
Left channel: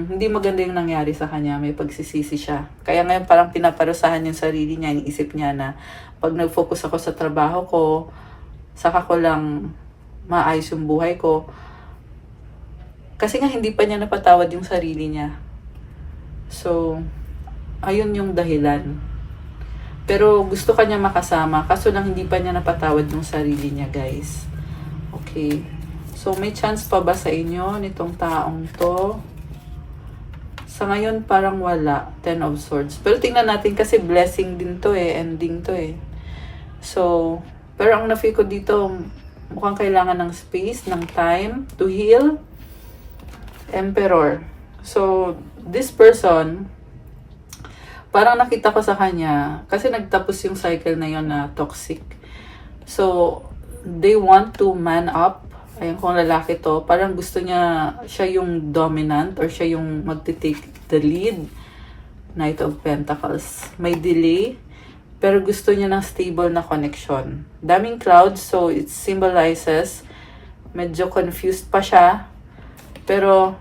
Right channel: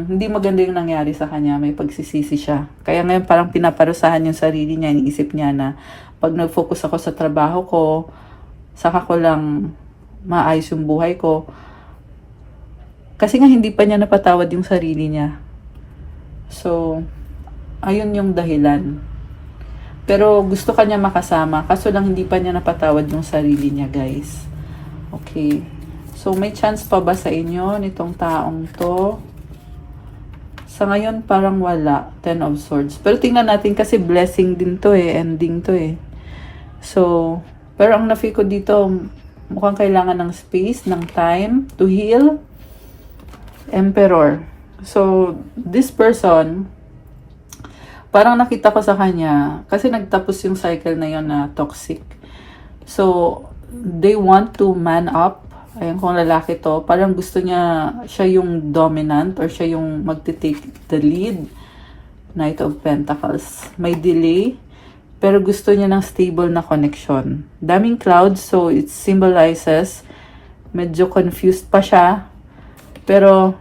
hindi maganda yung nangyari sa kanya. May pagsisisi siya. Kaya ngayon parang pinaparusahan yung sarili niya. Iniisip niya na pag nag-focus ako sa trabaho ko, saka ko lang maayos yung buhay ko. Kasi nga hindi pa niya napatawad yung sarili niya. So, ayun yung dahilan. Pero gusto ka niya makasama. Kaso lang hindi pa niya napatawad yung sarili niya, guys. Okay. So, may chance pa ba sa inyo nitong taong to? Sa ngayon, parang wala. 10 of Swords. Pero tingnan natin kasi blessing din to eh. Ending to eh. So, pero ang na-feel ko dito, mukhang kailangan ng space, ng time to heal. Emperor. So, this person, parang nakita ko sa kanya, kasi nagtapos yung cycle na yon na toxic. So, they want to man up. Ayun, kung lalaki to, parang gusto niya, siya yung dominant or siya yung magti-take the lead. Knight of Pentacles. May delay, pero gusto niya ng stable na connection. Daming clouds, so it symbolizes, medyo confused pa siya. Pero,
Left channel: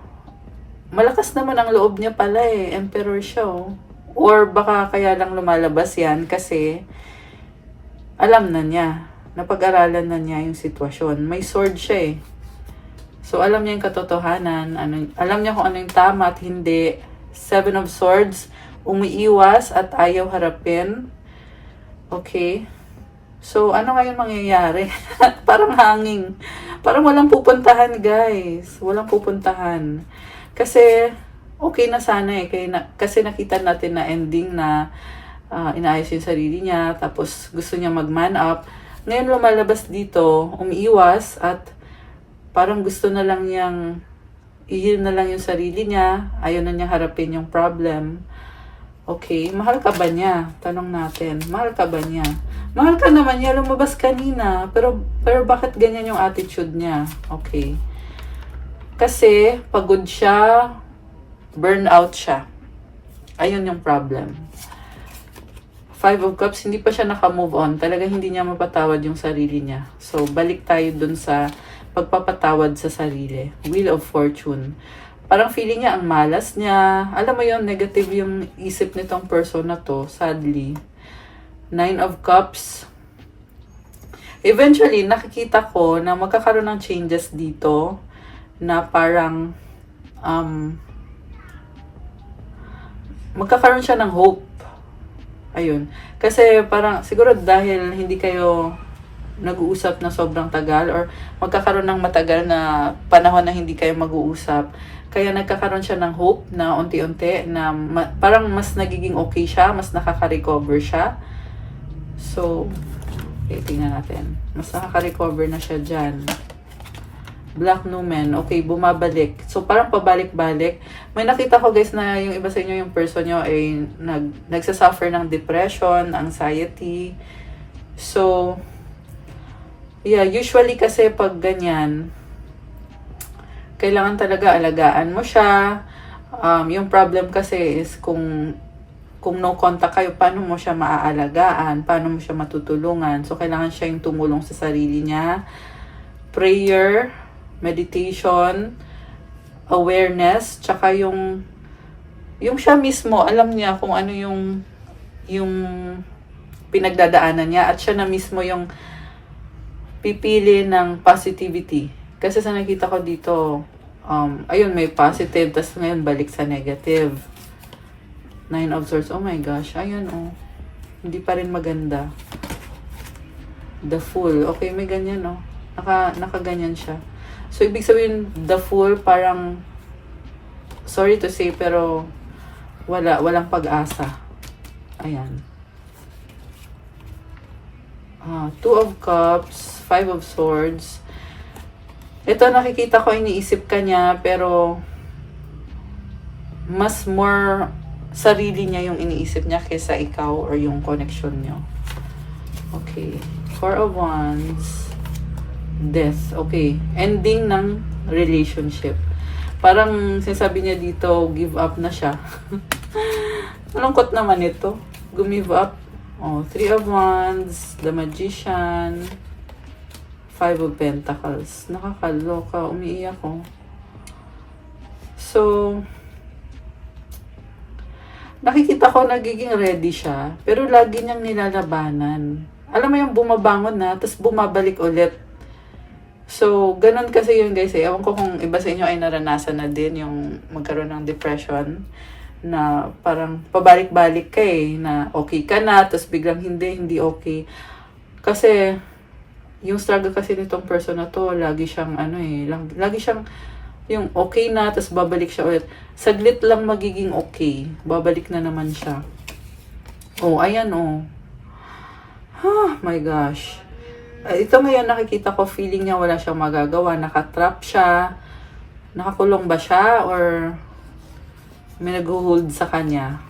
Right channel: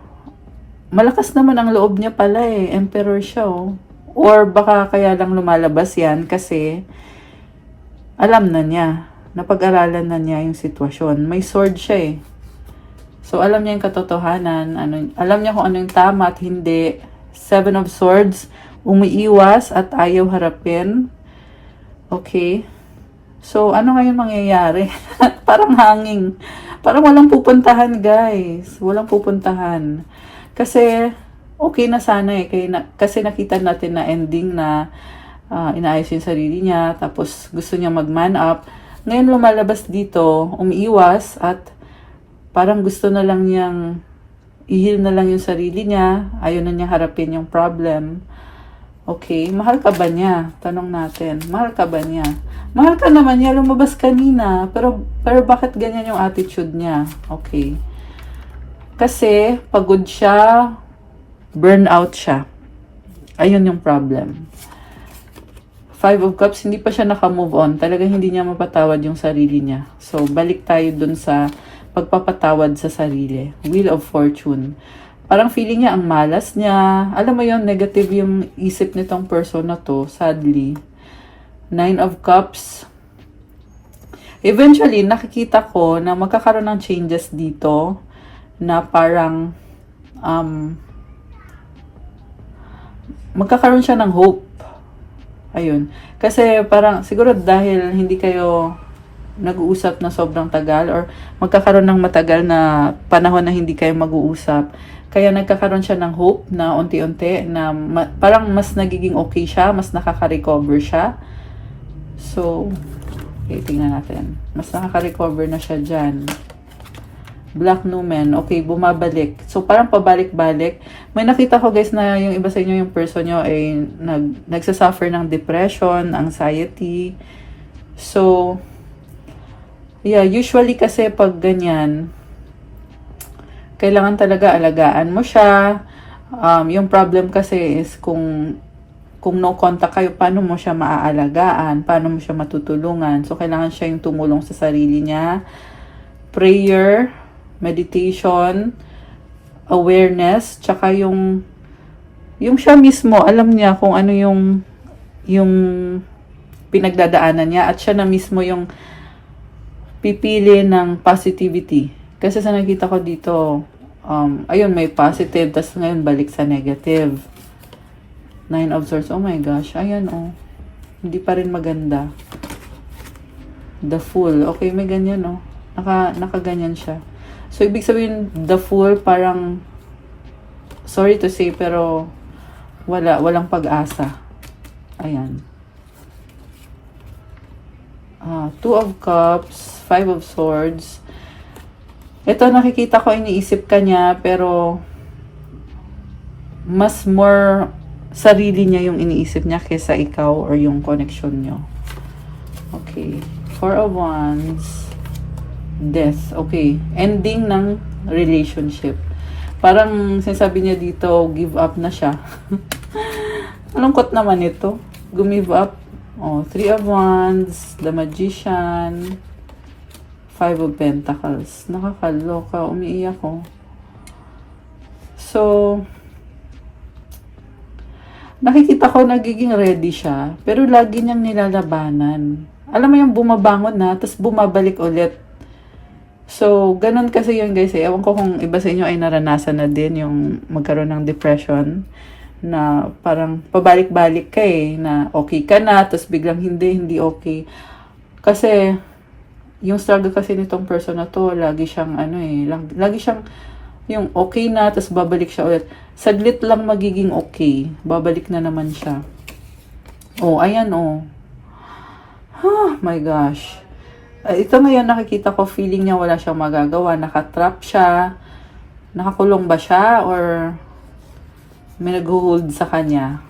malakas naman ang loob niya pala eh. Emperor siya oh. Or baka kaya lang lumalabas yan kasi alam na niya. Napag-aralan na niya yung sitwasyon. May sword siya eh. So, alam niya yung katotohanan. Alam niya kung ano yung tama at hindi. 7 of Swords. Umiiwas at ayaw harapin. Okay. So, ano ngayon mangyayari? Parang hanging. Parang walang pupuntahan, guys. Walang pupuntahan. Kasi, okay na sana eh. Kasi nakita natin na ending na inaayos yung sarili niya. Tapos, gusto niya mag-man up. Ngayon lumalabas dito, umiiwas at parang gusto na lang niyang i-heal na lang yung sarili niya. Ayaw na niya harapin yung problem. Okay, mahal ka ba niya? Tanong natin, mahal ka ba niya? Mahal ka naman niya, lumabas kanina. Pero bakit ganyan yung attitude niya? Okay. Kasi, pagod siya, burnout siya. Ayun yung problem. Five of Cups, hindi pa siya naka-move on. Talaga hindi niya mapatawad yung sarili niya. So, balik tayo dun sa pagpapatawad sa sarili. Wheel of Fortune. Parang feeling niya ang malas niya. Alam mo yun, negative yung isip nitong person na to, sadly. Nine of Cups. Eventually, nakikita ko na magkakaroon ng changes dito na parang magkakaroon siya ng hope. Ayun. Kasi parang siguro dahil hindi kayo nag-uusap na sobrang tagal or magkakaroon ng matagal na panahon na hindi kayo mag-uusap. Kaya nagkakaroon siya ng hope na unti-unti na parang mas nagiging okay siya, mas nakaka-recover siya. So, tingnan natin. Mas nakaka-recover na siya dyan. Black Numen. Okay, bumabalik. So, parang pabalik-balik. May nakita ko guys na yung iba sa inyo, yung person nyo ay nagsasuffer ng depression, anxiety. So, yeah, usually kasi pag ganyan, kailangan talaga alagaan mo siya. Yung problem kasi is kung no contact kayo, paano mo siya maaalagaan? Paano mo siya matutulungan? So, kailangan siya yung tumulong sa sarili niya. Prayer, meditation, awareness, tsaka yung siya mismo, alam niya kung ano yung pinagdadaanan niya at siya na mismo yung pipili ng positivity. Kasi sa nakita ko dito, ayun, may positive, tas ngayon balik sa negative. Nine of Swords. Oh my gosh. Ayan, oh. Hindi pa rin maganda. The Fool. Okay, may ganyan, oh. Nakaganyan siya. So, ibig sabihin, The Fool, parang, sorry to say, pero, walang pag-asa. Ayan. Two of Cups, Five of Swords. Ito, nakikita ko, iniisip ka niya, pero, mas more sarili niya yung iniisip niya kaysa ikaw or yung connection niyo. Okay. Four of Wands. Death. Okay. Ending ng relationship. Parang sinasabi niya dito, give up na siya. Malungkot naman ito. Give up. Oh, Three of Wands. The Magician. Five of Pentacles. Nakakaloka. Umiiyak ko. So, nakikita ko nagiging ready siya, pero lagi niyang nilalabanan. Alam mo yung bumabangon na, tapos bumabalik ulit. So, ganun kasi yun guys. Ewan ko kung iba sa inyo ay naranasan na din yung magkaroon ng depression na parang pabalik-balik ka eh, na okay ka na, tapos biglang hindi okay. Kasi, yung struggle kasi nitong person na to, lagi siyang lagi siyang yung okay na, tapos babalik siya ulit. Saglit lang magiging okay. Babalik na naman siya. Oh, ayan oh. Oh my gosh. Ito ngayon nakikita ko, feeling niya wala siyang magagawa. Nakatrap siya. Nakakulong ba siya? Or may nag-hold sa kanya?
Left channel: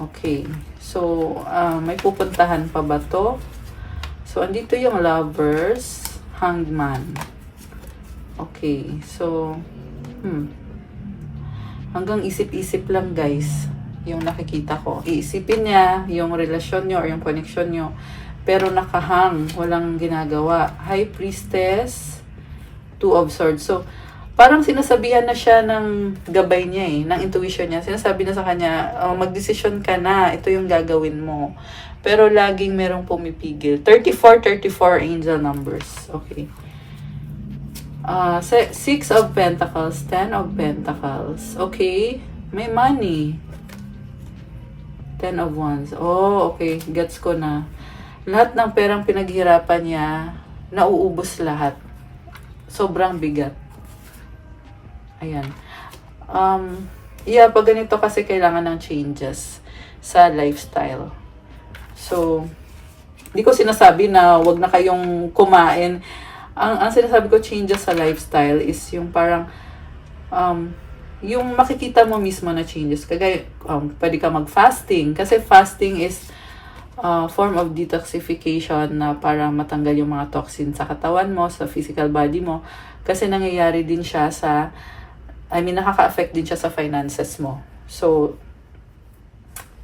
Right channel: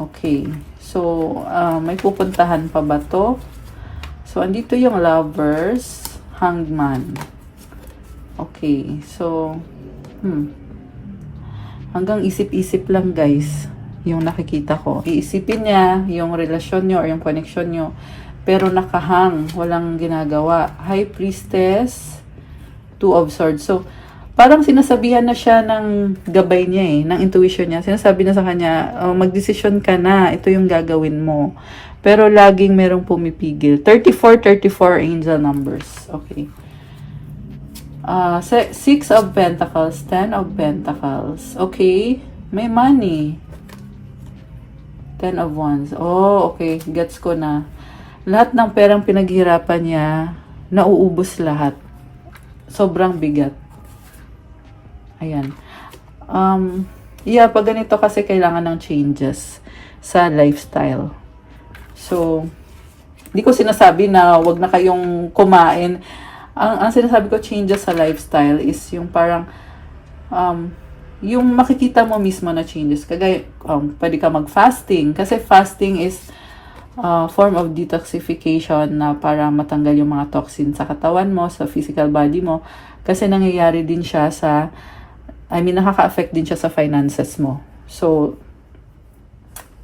Okay. So, may pupuntahan pa ba to? So, andito yung Lovers. Hangman. Okay, so, hanggang isip-isip lang guys, yung nakikita ko. Iisipin niya yung relasyon nyo or yung connection nyo, pero nakahang, walang ginagawa. High Priestess, Two of Swords. So, parang sinasabihan na siya ng gabay niya eh, ng intuition niya. Sinasabi na sa kanya, mag-decision ka na, ito yung gagawin mo. Pero laging merong pumipigil. 34 angel numbers. Okay. Six of Pentacles, Ten of Pentacles. Okay, may money. Ten of Wands. Oh, okay, gets ko na. Lahat ng perang pinaghirapan niya, nauubos lahat. sobrang bigat. Ayan. Yeah, pag ganito kasi kailangan ng changes sa lifestyle. So, hindi ko sinasabi na wag na kayong kumain. Ang sinasabi ko changes sa lifestyle is yung parang yung makikita mo mismo na changes. Kagaya, pwede ka mag-fasting. Kasi fasting is form of detoxification na para matanggal yung mga toxin sa katawan mo, sa physical body mo. Kasi nangyayari din siya sa, nakaka-affect din siya sa finances mo. So,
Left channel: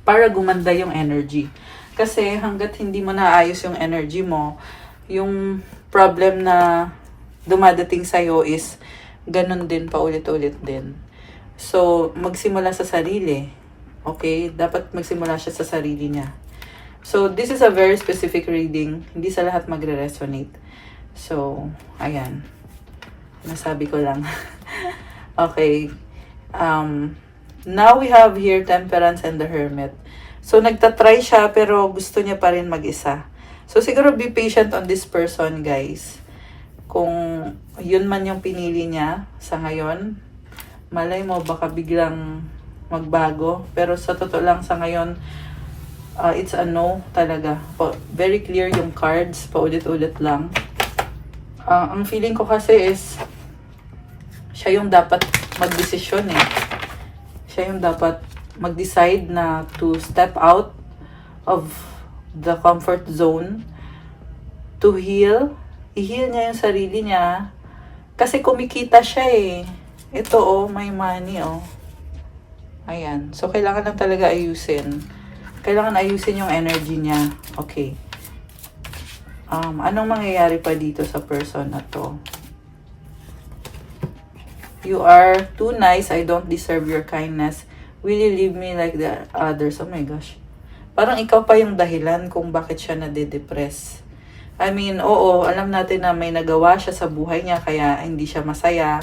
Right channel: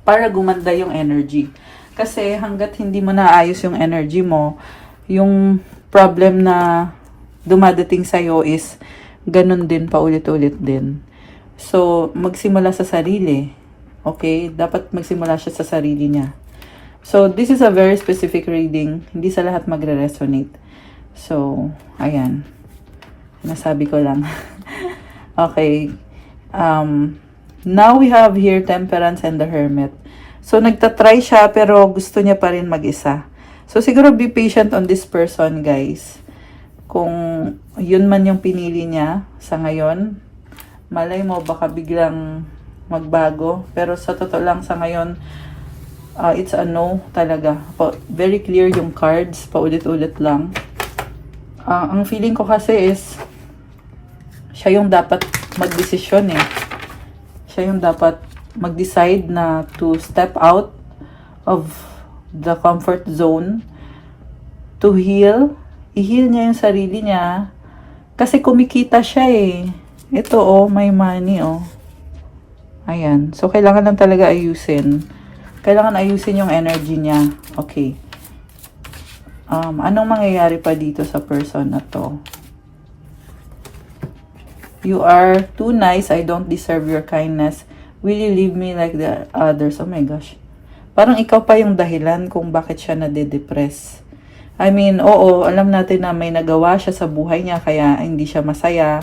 para gumanda yung energy. Kasi hanggat hindi mo naayos yung energy mo, yung problem na dumadating sa'yo is ganun din, paulit-ulit din. So, magsimula sa sarili. Okay? Dapat magsimula siya sa sarili niya. So, this is a very specific reading. Hindi sa lahat magre-resonate. So, ayan. Nasabi ko lang. Okay. Now we have here Temperance and the Hermit. So, nagtatry siya pero gusto niya pa rin mag-isa. So, siguro be patient on this person, guys. Kung yun man yung pinili niya sa ngayon, malay mo baka biglang magbago. Pero sa totoo lang sa ngayon, it's a no talaga. Very clear yung cards, paulit-ulit lang. Ang feeling ko kasi is, siya yung dapat mag-desisyon eh. Siya yung dapat mag-decide na to step out of the comfort zone, to heal. I-heal niya yung sarili niya. Kasi kumikita siya eh. Ito may money Ayan. So, kailangan lang talaga ayusin. Kailangan ayusin yung energy niya. Okay. Anong mangyayari pa dito sa person na to? You are too nice. I don't deserve your kindness. Will you leave me like the others? Oh my gosh. Parang ikaw pa yung dahilan kung bakit siya nade-depress. Oo, alam natin na may nagawa siya sa buhay niya kaya hindi siya masaya.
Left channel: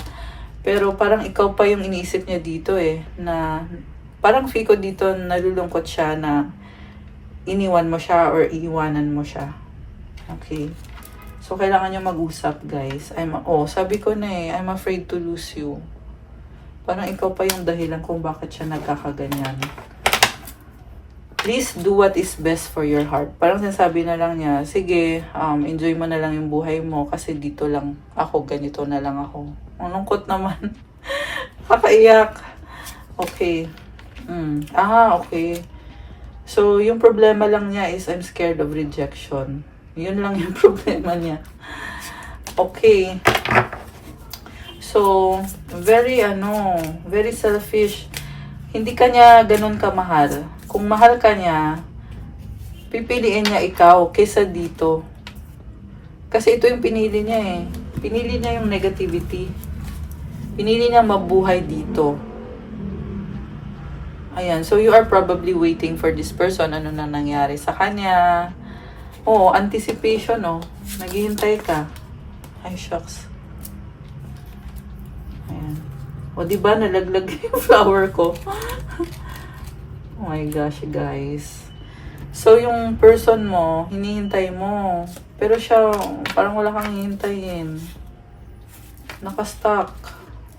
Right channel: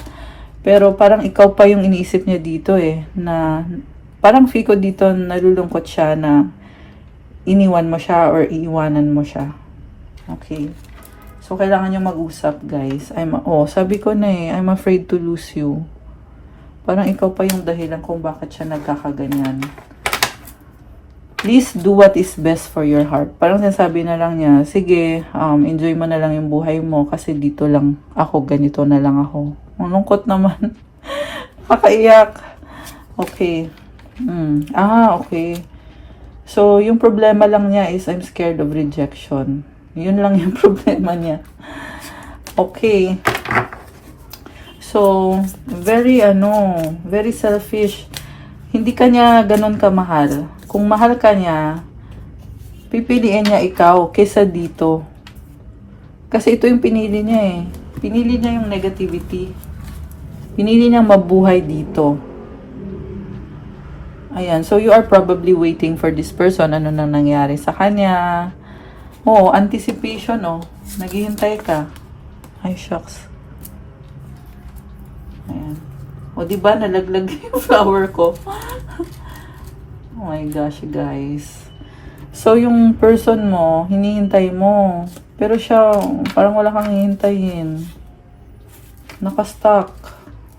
Pero parang ikaw pa yung iniisip niya dito na parang feel ko dito nalulungkot siya na iniwan mo siya or iiwanan mo siya. Okay. So, kailangan nyo mag-usap, guys. Sabi ko na I'm afraid to lose you. Parang ikaw pa yung dahilan kung bakit siya nagkakaganyan. Please do what is best for your heart. Parang sinasabi na lang niya, sige, enjoy mo na lang yung buhay mo kasi dito lang ako, ganito na lang ako. Malungkot naman. Nakaiyak. Okay. Okay. So, yung problema lang niya is I'm scared of rejection. Yun lang yung problema niya. Okay. So, very selfish. Hindi ka niya ganun kamahal. Kung mahal ka niya, pipiliin niya ikaw kesa dito. Kasi ito yung pinili niya eh. Pinili niya yung negativity. Pinili niya mabuhay dito. Ayan. So, you are probably waiting for this person. Ano nang nangyari sa kanya. Anticipation naghihintay ka. Ay, shucks. Ayan. Diba? Nalaglag yung flower ko. Oh my gosh, guys. So, yung person mo, hinihintay mo. Pero siya, parang wala kang hihintayin. Nakastuck.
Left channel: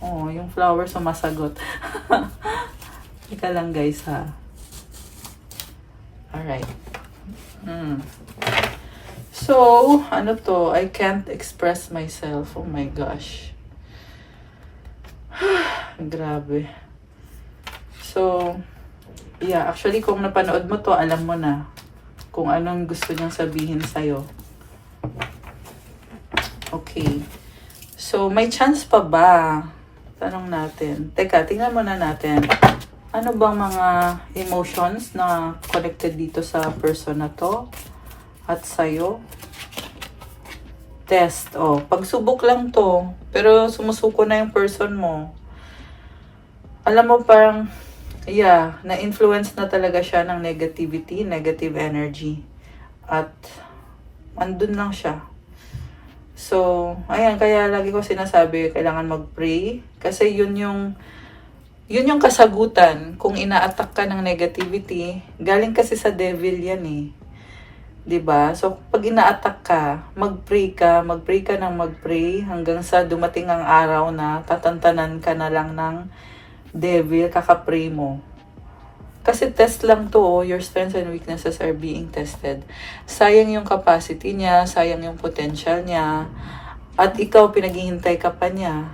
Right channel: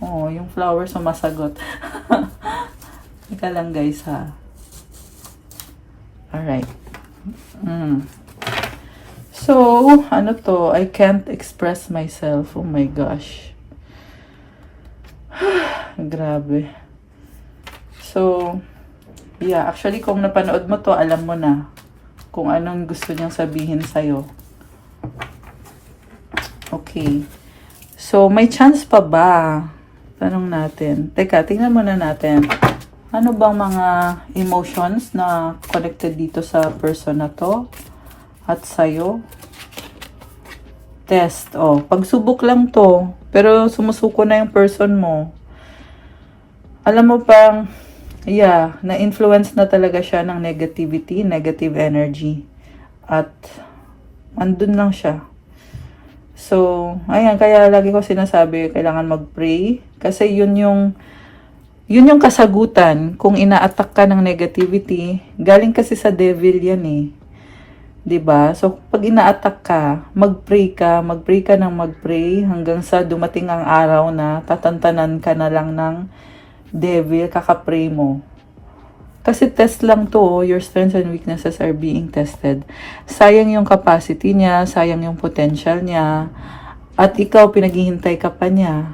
Yung flower sumasagot. Ika lang, guys, ha. Alright. So, ano to? I can't express myself. Oh my gosh. Grabe. So, yeah, actually kung napanood mo to, alam mo na kung anong gusto niyang sabihin sa'yo. Okay. So, may chance pa ba? Tanong natin. Teka, tingnan muna natin. Ano bang mga emotions na connected dito sa person na to? At sa'yo? Test. Pagsubok lang to. Pero sumusuko na yung person mo. Alam mo pang, na-influence na talaga siya ng negativity, negative energy. At, andun lang siya. So, ayan, kaya lagi ko sinasabi, kailangan mag-pray. Kasi yun yung kasagutan kung ina-attack ka ng negativity. Galing kasi sa devil yan eh. 'Diba? So, pag ina-attack ka, mag-pray ka ng mag-pray hanggang sa dumating ang araw na tatantanan ka na lang ng devil, kakapray mo. Kasi test lang to, oh. Your strengths and weaknesses are being tested. Sayang yung capacity niya, sayang yung potential niya, at ikaw, pinaghihintay ka pa niya.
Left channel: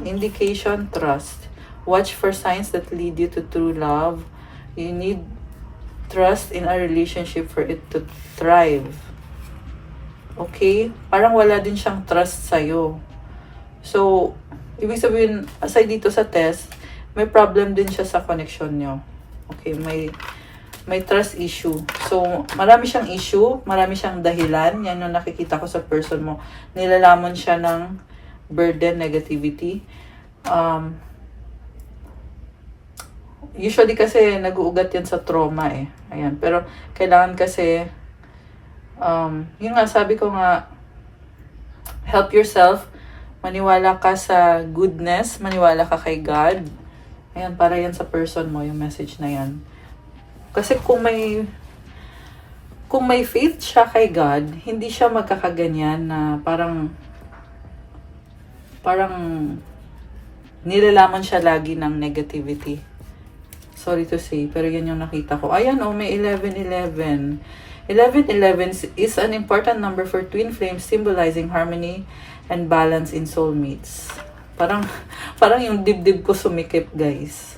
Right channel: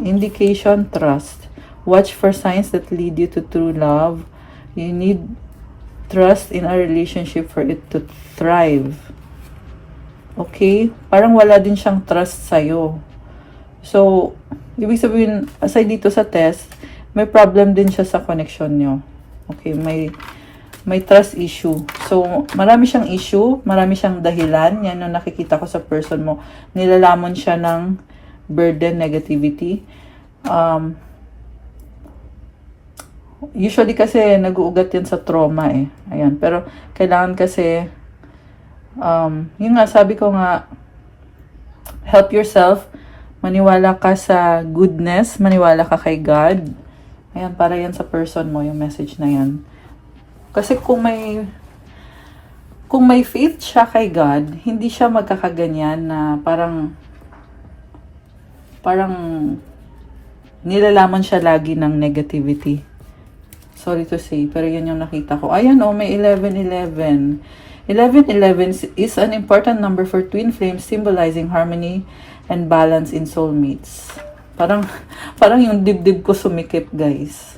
Indication, trust. Watch for signs that lead you to true love. You need trust in a relationship for it to thrive. Okay? Parang wala din siyang trust sa'yo. So, ibig sabihin, aside dito sa test, may problem din siya sa connection nyo. Okay? May trust issue. So, marami siyang issue, marami siyang dahilan. Yan ang nakikita ko sa person mo. Nilalamon siya ng burden, negativity. Usually kasi nag-uugat yan sa trauma eh. Ayan. Pero kailangan kasi yun nga, sabi ko nga, help yourself, maniwala ka sa goodness, maniwala ka kay God. Ayan, para yan sa person mo, yung message na yan. Kasi kung may faith siya kay God, hindi siya magkakaganyan na parang nilalamon siya lagi ng negativity. Sorry to say, pero yan yung nakita ko. Ayun, oh, may 11-11. 11-11 is an important number for twin flames, symbolizing harmony and balance in soulmates. Parang yung dibdib ko sumikip, guys.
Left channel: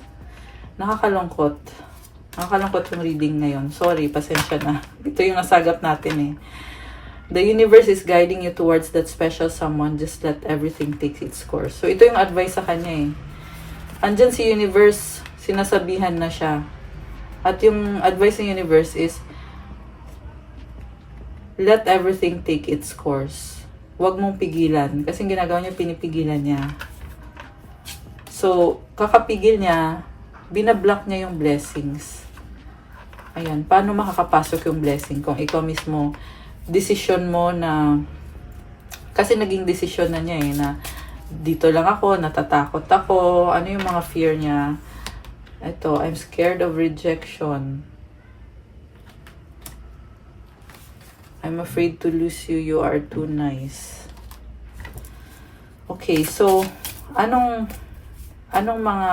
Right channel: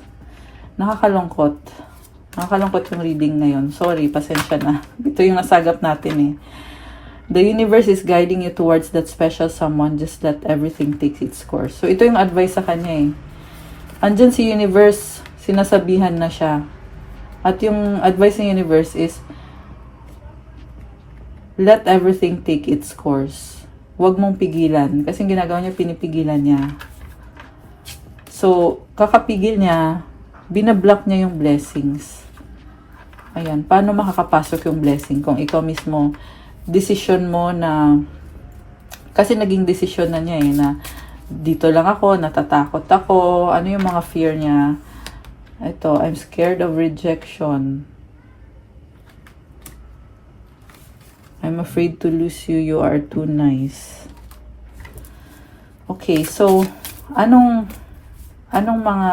Nakakalungkot. Nakakalungkot yung reading ngayon. Sorry, pasensya na. Ito yung nasagap natin eh. The universe is guiding you towards that special someone. Just let everything take its course. So, ito yung advice sa kanya eh. Andyan si universe, sinasabihan na siya. At yung advice ng universe is, let everything take its course. Huwag mong pigilan. Kasi yung ginagawa niya, pinipigilan niya. So, kakapigil niya, binablock niya yung blessings. Ayan, paano makakapasok yung blessing? Kung ikaw mismo, decision mo na, kasi naging decision na niya eh, na dito lang ako, natatakot ako, ano yung mga fear niya? Ito, I'm scared of rejection. I'm afraid to lose you, you are too nice. Okay, so, anong mga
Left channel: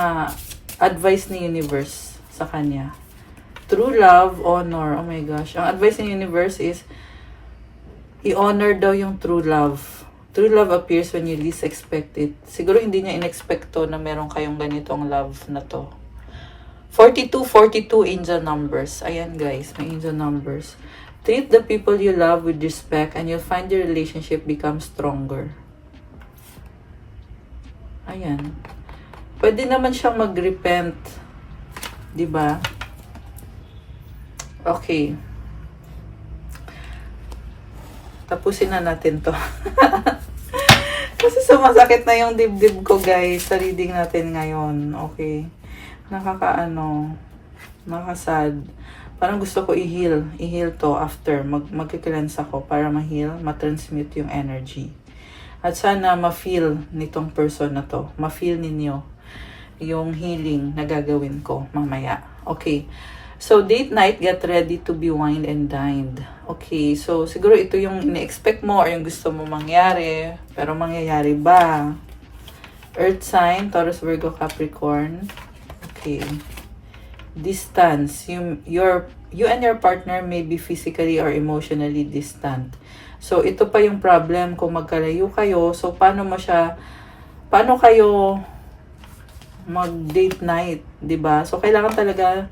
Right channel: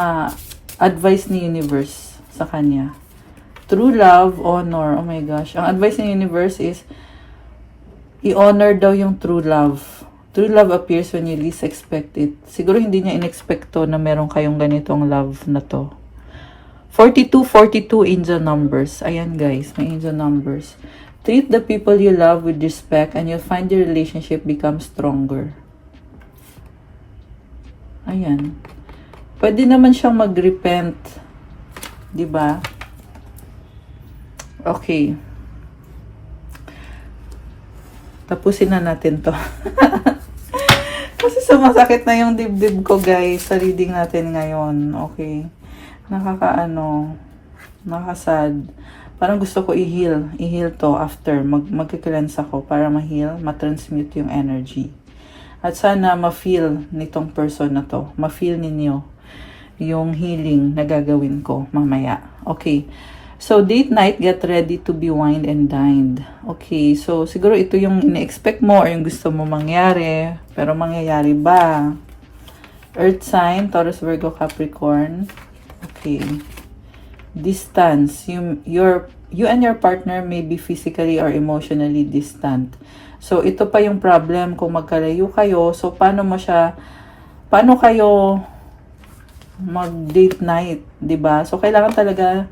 advice ni universe sa kanya? True love, honor. Oh my gosh. Ang advice ni universe is, i-honor daw yung true love. True love appears when you least expect it. Siguro hindi niya in-expecto na meron kayong ganitong love na to. 42 angel numbers. Ayan guys, may angel numbers. Treat the people you love with respect and you'll find your relationship become stronger. Ayan. Pwede naman siyang mag-repent. Diba? Okay. Tapusin na natin to. Kasi sumasakit na yung dibdib ko guys sa reading natin ngayon. Okay. Nakasad. Parang gusto ko i-heal to after. Magkikilans ako para ma-heal, ma-transmute yung energy. At sana ma-feel nitong person na to. Ma-feel ninyo yung healing na gagawin ko mamaya. Okay. So, date night, get ready to be wined and dined. Okay. So, siguro ito yung ina-expect mo or yung gusto mo mangyari. Pero mangyayari ba? Earth sign, Taurus, Virgo, Capricorn. Okay. Distance. You and your partner may be physically or emotionally distant. So, ito pa yung problem kung magkalayo kayo. So, paano kayo mag-date night, 'di ba? So, kailangan talaga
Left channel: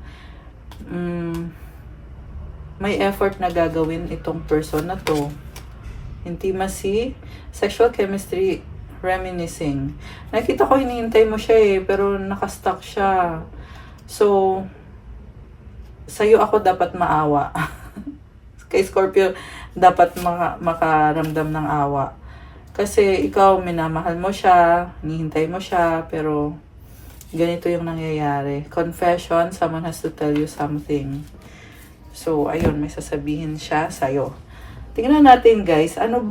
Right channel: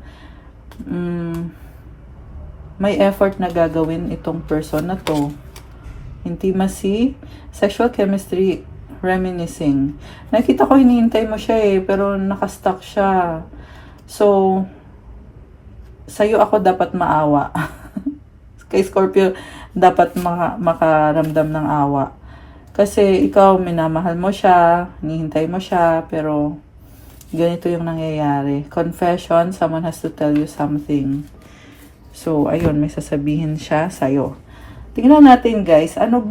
may effort na gagawin itong person na to. Intimacy, sexual chemistry, reminiscing. Nakita ko hinihintay mo siya eh, pero nakastuck siya. So, sa'yo ako dapat maawa. Kay Scorpio, dapat makaramdam ng awa. Kasi ikaw, minamahal mo siya, hinihintay mo siya, pero ganito yung nangyayari. Confession, someone has to tell you something. So, ayun, may sasabihin siya sa'yo. Tingnan natin guys, anong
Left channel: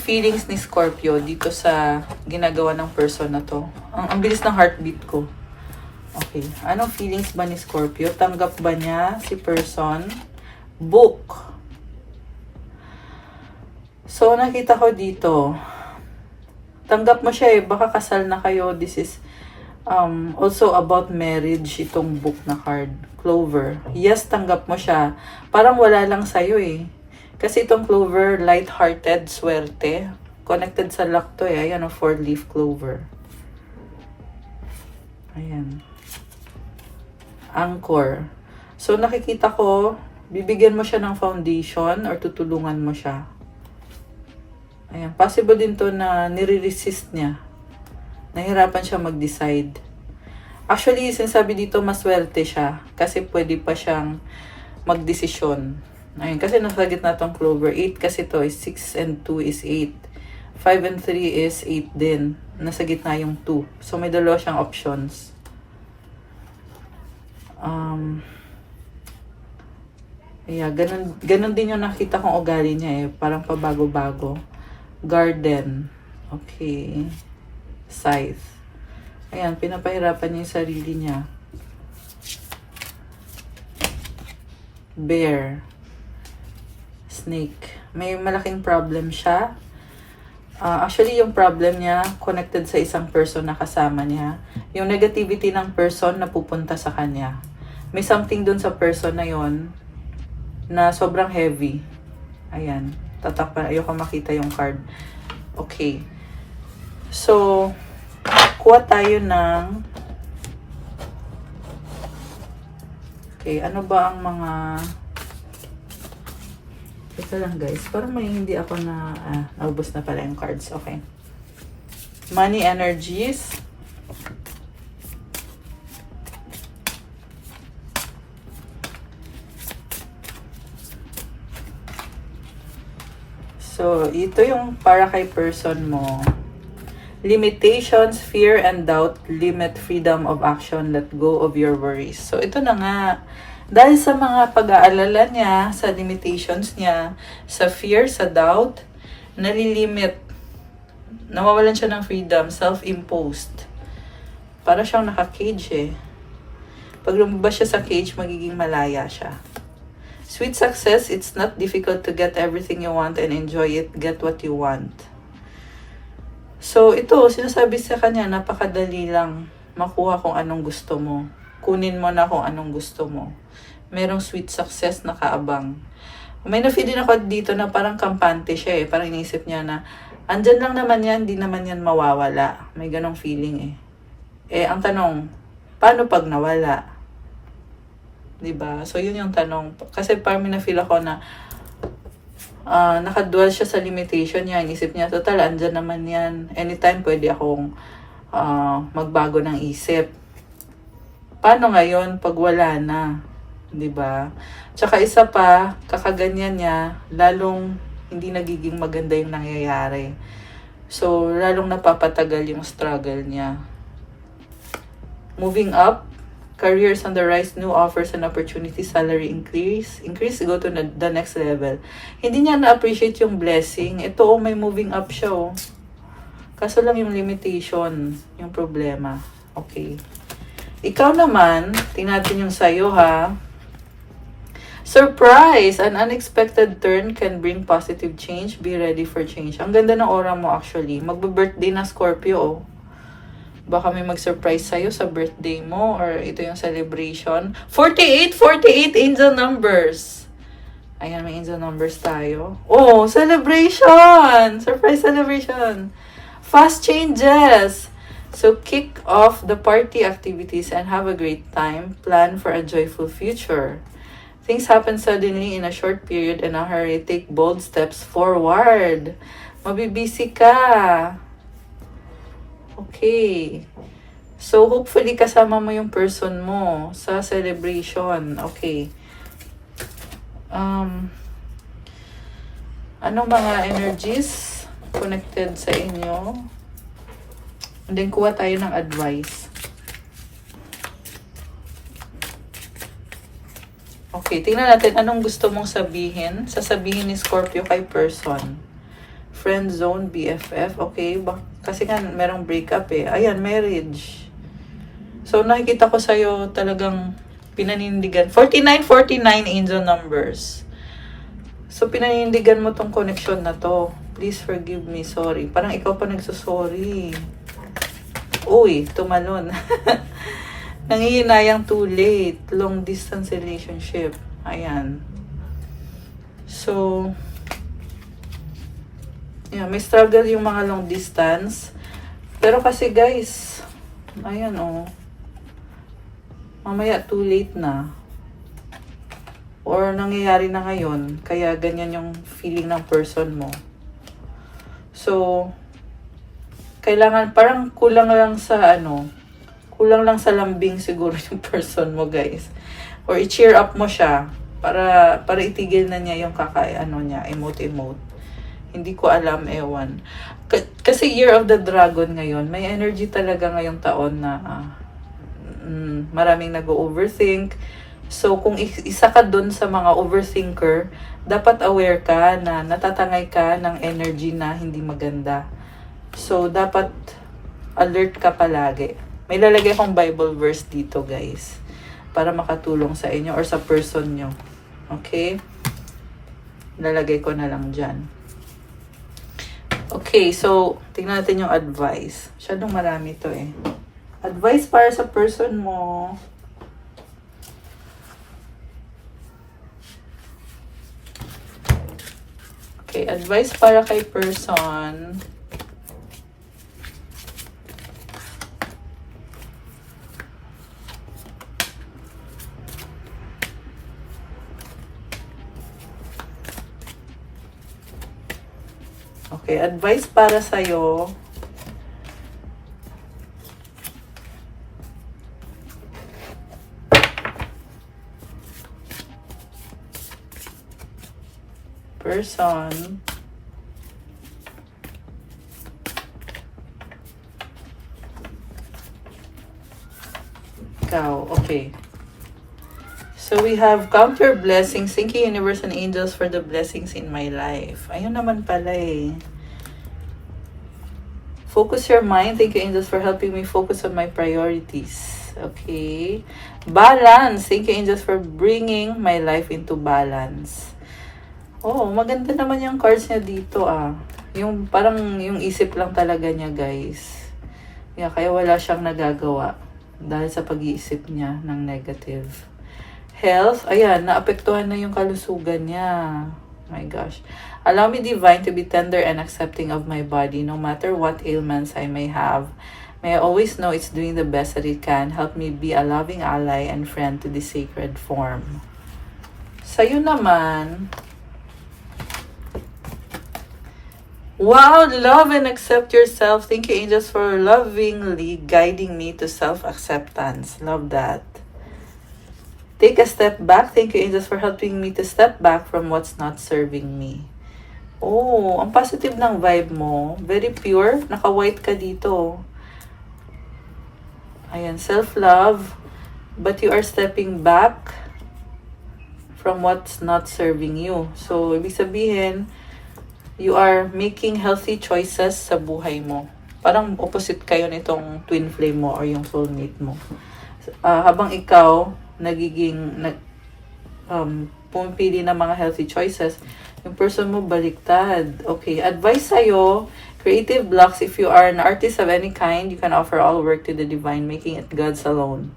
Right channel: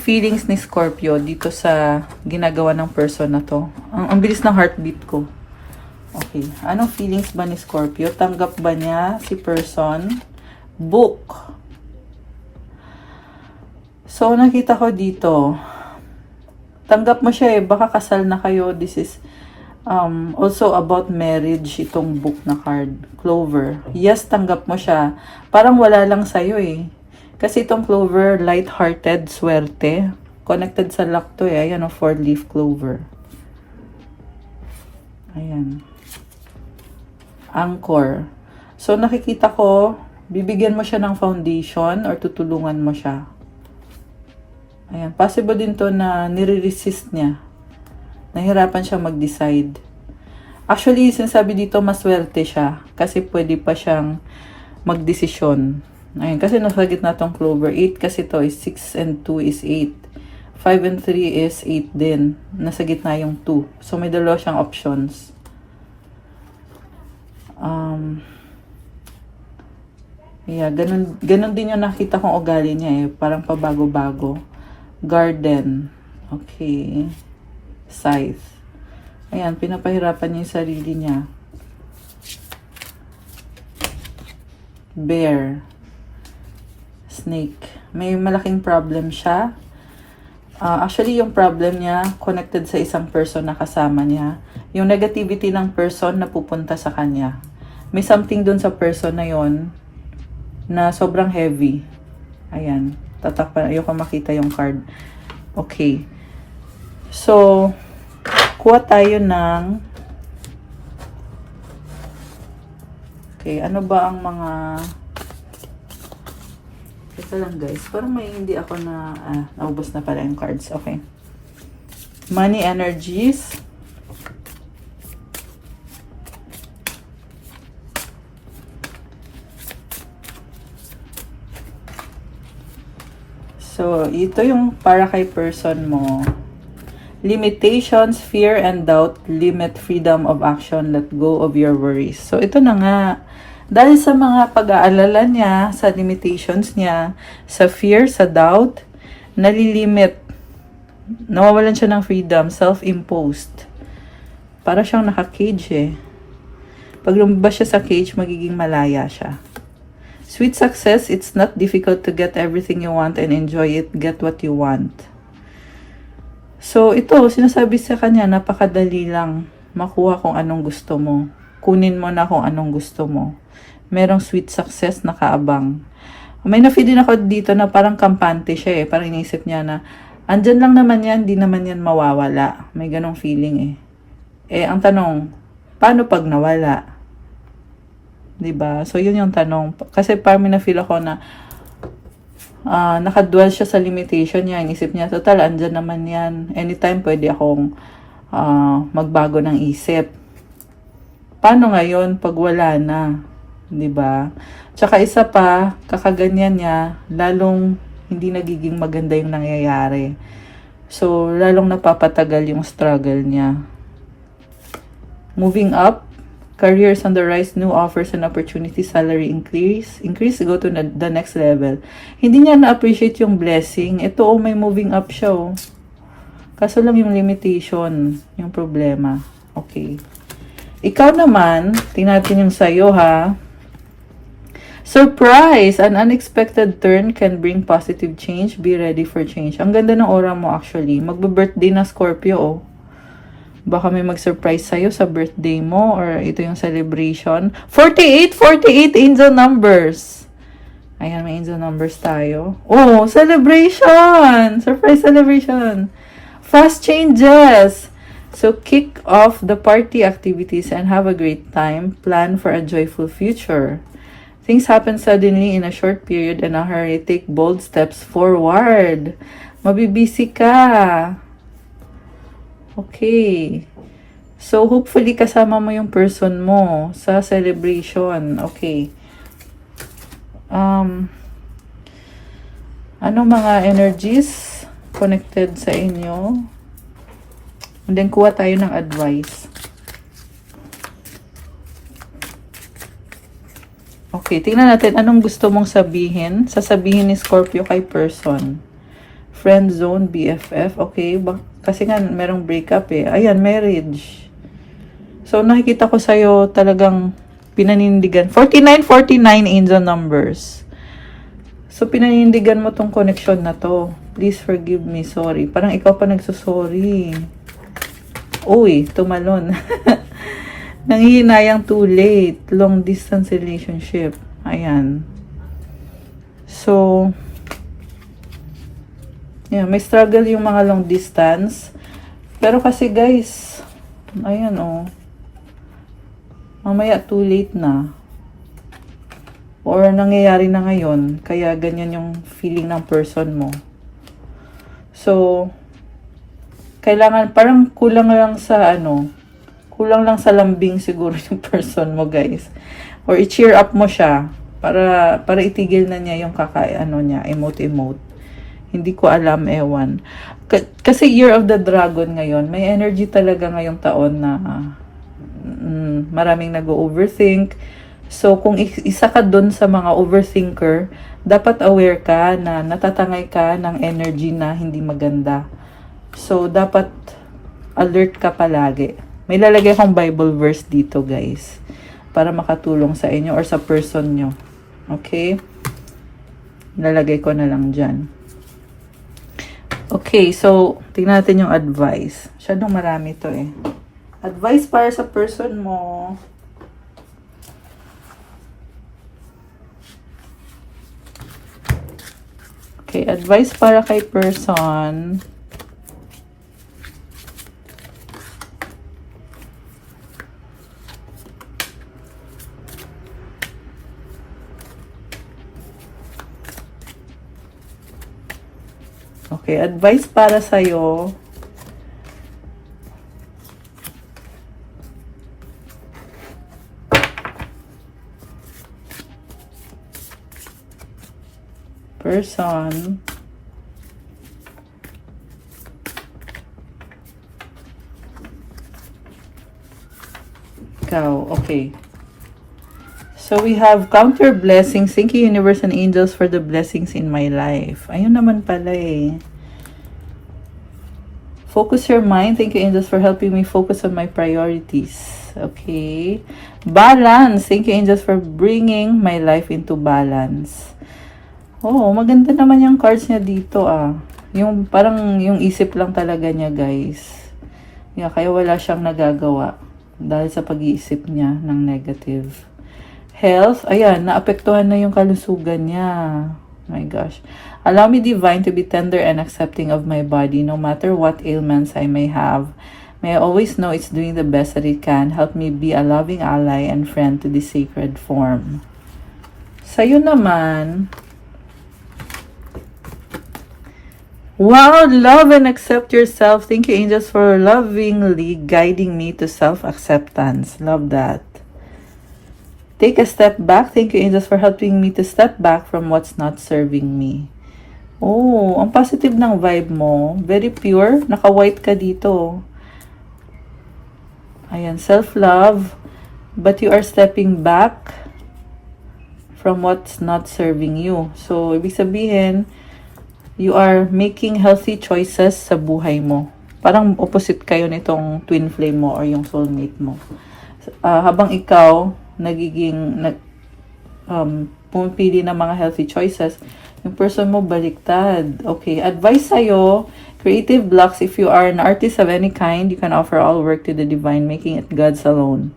feelings ni Scorpio dito sa ginagawa ng person na to? Ang bilis ng heartbeat ko. Okay. Anong feelings ba ni Scorpio? Tanggap ba niya si person? Book. So, nakita ko dito, tanggap mo siya eh. Baka kasal na kayo. This is also about marriage, itong book na card. Clover. Yes, tanggap mo siya. Parang wala lang sa'yo eh. Kasi itong clover, light-hearted, swerte. Connected sa luck to eh. Ayan o, 4-leaf clover. Ayan. Anchor. So, nakikita ko, bibigyan mo siya ng foundation or tutulungan mo siya. Ayan. Possible din to na nire-resist niya. Nahirapan siya mag-decide. Actually, sinasabi dito, maswerte siya. Kasi pwede pa siyang mag-desisyon. Ayan, kasi nasa gitna tong clover. 8 kasi to is 6 and 2 is 8. 5 and 3 is 8 din. Nasa gitna yung 2. So, may dalawa siyang options. Yeah, ganun din yung nakita kong ugali niya eh. Parang pabago-bago. Garden. Okay. Scythe. Ayan, pinapahirapan niya yung sarili niya. Bear. Snake. May malaking problem siya. Actually, yung problem niya, connected sa isang person na kasama niya. Yung negativity ng person na pupunta sa kanya. May something dun sa person na yon na sobrang heavy. Ayan. Tatakpan. Ayoko makita yung card. Okay. So, kuha tayo ng... Okay, ano ba ang mga... Ito lang guys. Parang may hindi ako na... naubos na pala yung cards. Okay. Money energies. So, ito yung para kay person mo. Limitations, fear, and doubt limit freedom of action. Let go of your worries. So, ito na nga. Dahil sa mga pag-aalala niya, sa limitations niya, sa fear, sa doubt, nalilimit. Nawawalan siya ng freedom, self-imposed. Para siyang naka-cage eh. Pag lumabas siya sa cage, magiging malaya siya. Sweet success, it's not difficult to get everything you want and enjoy it. Get what you want. So, ito, sinasabi sa kanya, napakadali lang makuha kung anong gusto mo. Kunin mo na kung anong gusto mo. Merong sweet success na kaabang. May na-feel din ako dito na parang kampante siya eh. Parang inisip niya na, andyan lang naman yan, di naman yan mawawala. May ganong feeling eh. Eh, ang tanong, paano pag nawala? Diba? So, yun yung tanong. Kasi parang may na-feel ako na, nakadual siya sa limitation niya. Inisip niya, total, andyan naman yan. Anytime pwede akong magbago ng isip. Paano ngayon pag wala na? Diba? Tsaka isa pa, kakaganyan niya, lalong hindi nagiging maganda yung nangyayari. So, lalong napapatagal yung struggle niya. Moving up, careers on the rise, new offers and opportunities, salary increase, go to the next level. Hindi niya na-appreciate yung blessing. Ito, may moving up siya. Kaso lang yung limitation, yung problema. Okay. Ikaw naman, tingnan yung sayo ha. Surprise! An unexpected turn can bring positive change. Be ready for change. Ang ganda ng aura mo actually. Magbe-birthday na Scorpio Baka may mag-surprise sa'yo sa birthday mo or ito yung celebration. 48 angel numbers. Ayan, may angel numbers tayo. Oh, celebration! Surprise celebration! Fast changes! So, kick off the party activities and have a great time. Plan for a joyful future. Things happen suddenly in a short period and a hurry. Take bold steps forward. Mabibisi ka. Okay. So, hopefully kasama mo yung person mo sa celebration. Okay. Anong mga energies connected sa inyo? And then, kuha tayo ng advice. Okay, tingnan natin anong gusto mong sabihin. Sasabihin ni Scorpio kay person. Friend zone, BFF. Okay, kasi nga merong breakup eh. Ayan, marriage. So, nakikita ko sa'yo talagang pinanindigan. 49, 49 angel numbers. So, pinanindigan mo tong connection na to. Please forgive me, sorry. Parang ikaw pa nagsasorry. Uy, tumalon. Nangihinayang too late. Long distance relationship. Ayan. So, yeah, may struggle yung mga long distance. Pero kasi guys, ayan oh. Mamaya too late na. Or nangyayari na ngayon. Kaya ganyan yung feeling ng person mo. So, kailangan, parang kulang lang sa kulang lang sa lambing siguro yung person mo guys. Or i-cheer up mo siya para itigil na niya yung niya, emote. Hindi ko alam, ewan. Kasi Year of the Dragon ngayon, may energy talaga ngayong taon na maraming nag-overthink. So, kung isa ka dun sa mga overthinker, dapat aware ka na natatangay ka ng energy na hindi maganda. So, dapat alert ka palagi. May lalagay akong Bible verse dito, guys. Para makatulong sa inyo or sa person nyo. Okay? Nalagay ko na lang dyan. Okay, so, tingnan natin yung advice. Masyadong marami to eh. Advice para sa person mo. Okay, advice para kay person. Okay, advice para sa'yo. Person. Ikaw, okay. So, we have counter blessings. Thank you, universe and angels, for the blessings in my life. Ayun naman pala eh. Focus your mind. Thank you, angels, for helping me focus on my priorities. Okay. Balance. Thank you, angels, for bringing my life into balance. Oh, maganda naman yung cards niya dito ah. Yung parang yung isip lang talaga niya, guys. Yeah, kaya wala siyang nagagawa dahil sa pag-iisip niya ng negative. Health, ayan, naapektuhan na yung kalusugan niya. My gosh. Allow me, divine, to be tender and accepting of my body, no matter what ailments I may have. May I always know it's doing the best that it can. Help me be a loving ally and friend to this sacred form. Sa'yo naman, wow, love and accept yourself. Thank you, angels, for lovingly guiding me to self-acceptance. Love that. Take a step back. Thank you, angels, for helping me to step back from what's not serving me. Oh, ang positive ng vibe mo. Very pure. Naka-white ka dito. Ayan, self-love. But you are stepping back from what's not serving you. So, ibig sabihin, you are making healthy choices sa buhay mo. Parang opposite kayo nitong twin flame mo or yung soulmate mo. Habang ikaw, pumipili ng mga healthy choices, yung person mo baliktad. Okay, advice sa'yo, creative blocks. If you are an artist of any kind, you can offer all work to the divine, making it God's alone.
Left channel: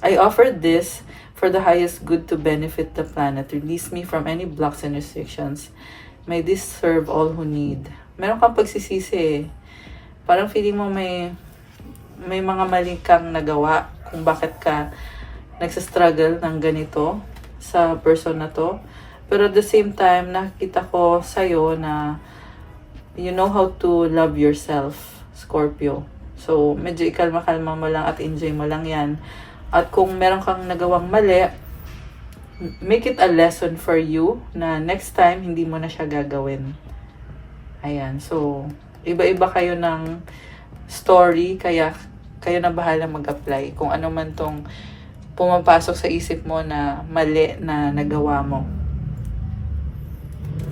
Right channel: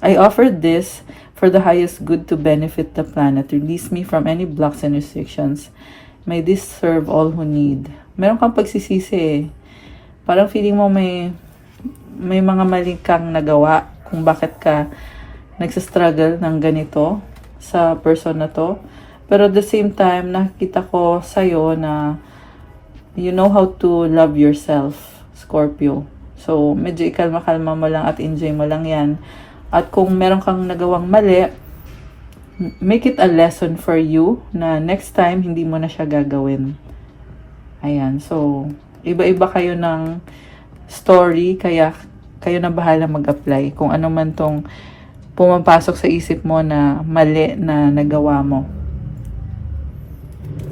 I offer this for the highest good to benefit the planet. Release me from any blocks and restrictions. May this serve all who need. Meron kang pagsisisi eh. Parang feeling mo may mga mali kang nagawa kung bakit ka nagsastruggle ng ganito sa person na to. Pero at the same time, nakikita ko sa'yo na you know how to love yourself, Scorpio. So, medyo ikalma-kalma mo lang at enjoy mo lang yan. At kung meron kang nagawang mali, make it a lesson for you na next time, hindi mo na siya gagawin. Ayan. So, iba-iba kayo ng story, kaya kayo na bahala mag-apply kung ano man tong pumapasok sa isip mo na mali na nagawa mo.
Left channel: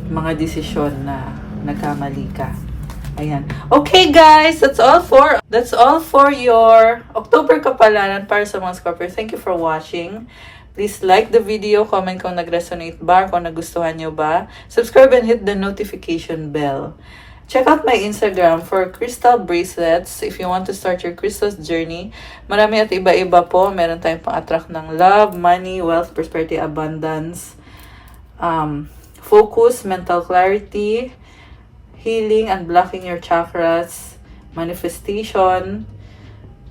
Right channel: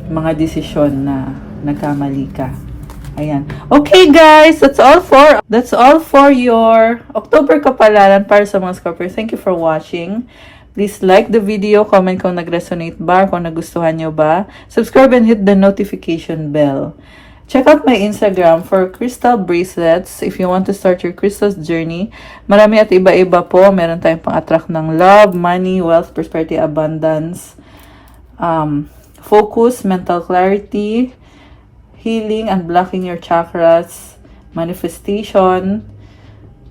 Mga desisyon na nagkamali ka. Ayan. Okay guys, that's all for your October kapalaran para sa mga Scorpio. Thank you for watching. Please like the video, comment kung nag-resonate ba, kung nagustuhan nyo ba. Subscribe and hit the notification bell. Check out my Instagram for crystal bracelets if you want to start your crystals journey. Marami at iba-iba po. Meron tayong pang-attract ng love, money, wealth, prosperity, abundance, focus, mental clarity, healing and blocking your chakras, manifestation,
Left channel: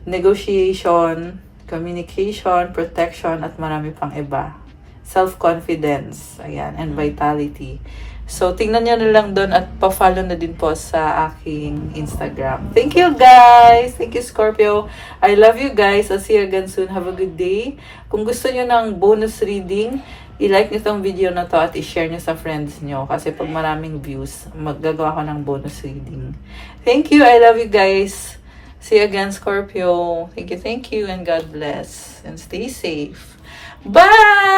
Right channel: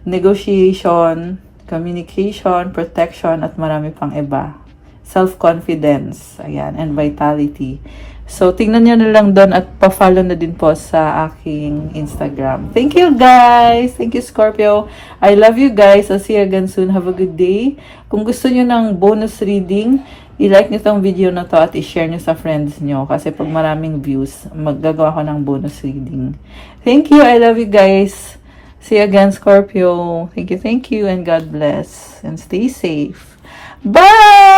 negotiation, communication, protection, at marami pang iba. Self-confidence, ayan, and vitality. So, tingnan nyo na lang doon at pa-follow na din po sa aking Instagram. Thank you guys! Thank you Scorpio! I love you guys! I'll see you again soon. Have a good day. Kung gusto nyo ng bonus reading, i-like nyo tong video na to at i-share nyo sa friends nyo. Kasi pag maraming views, maggagawa ko ng bonus reading. Thank you! I love you guys! See you again, Scorpio. Thank you, and God bless. And stay safe. Bye!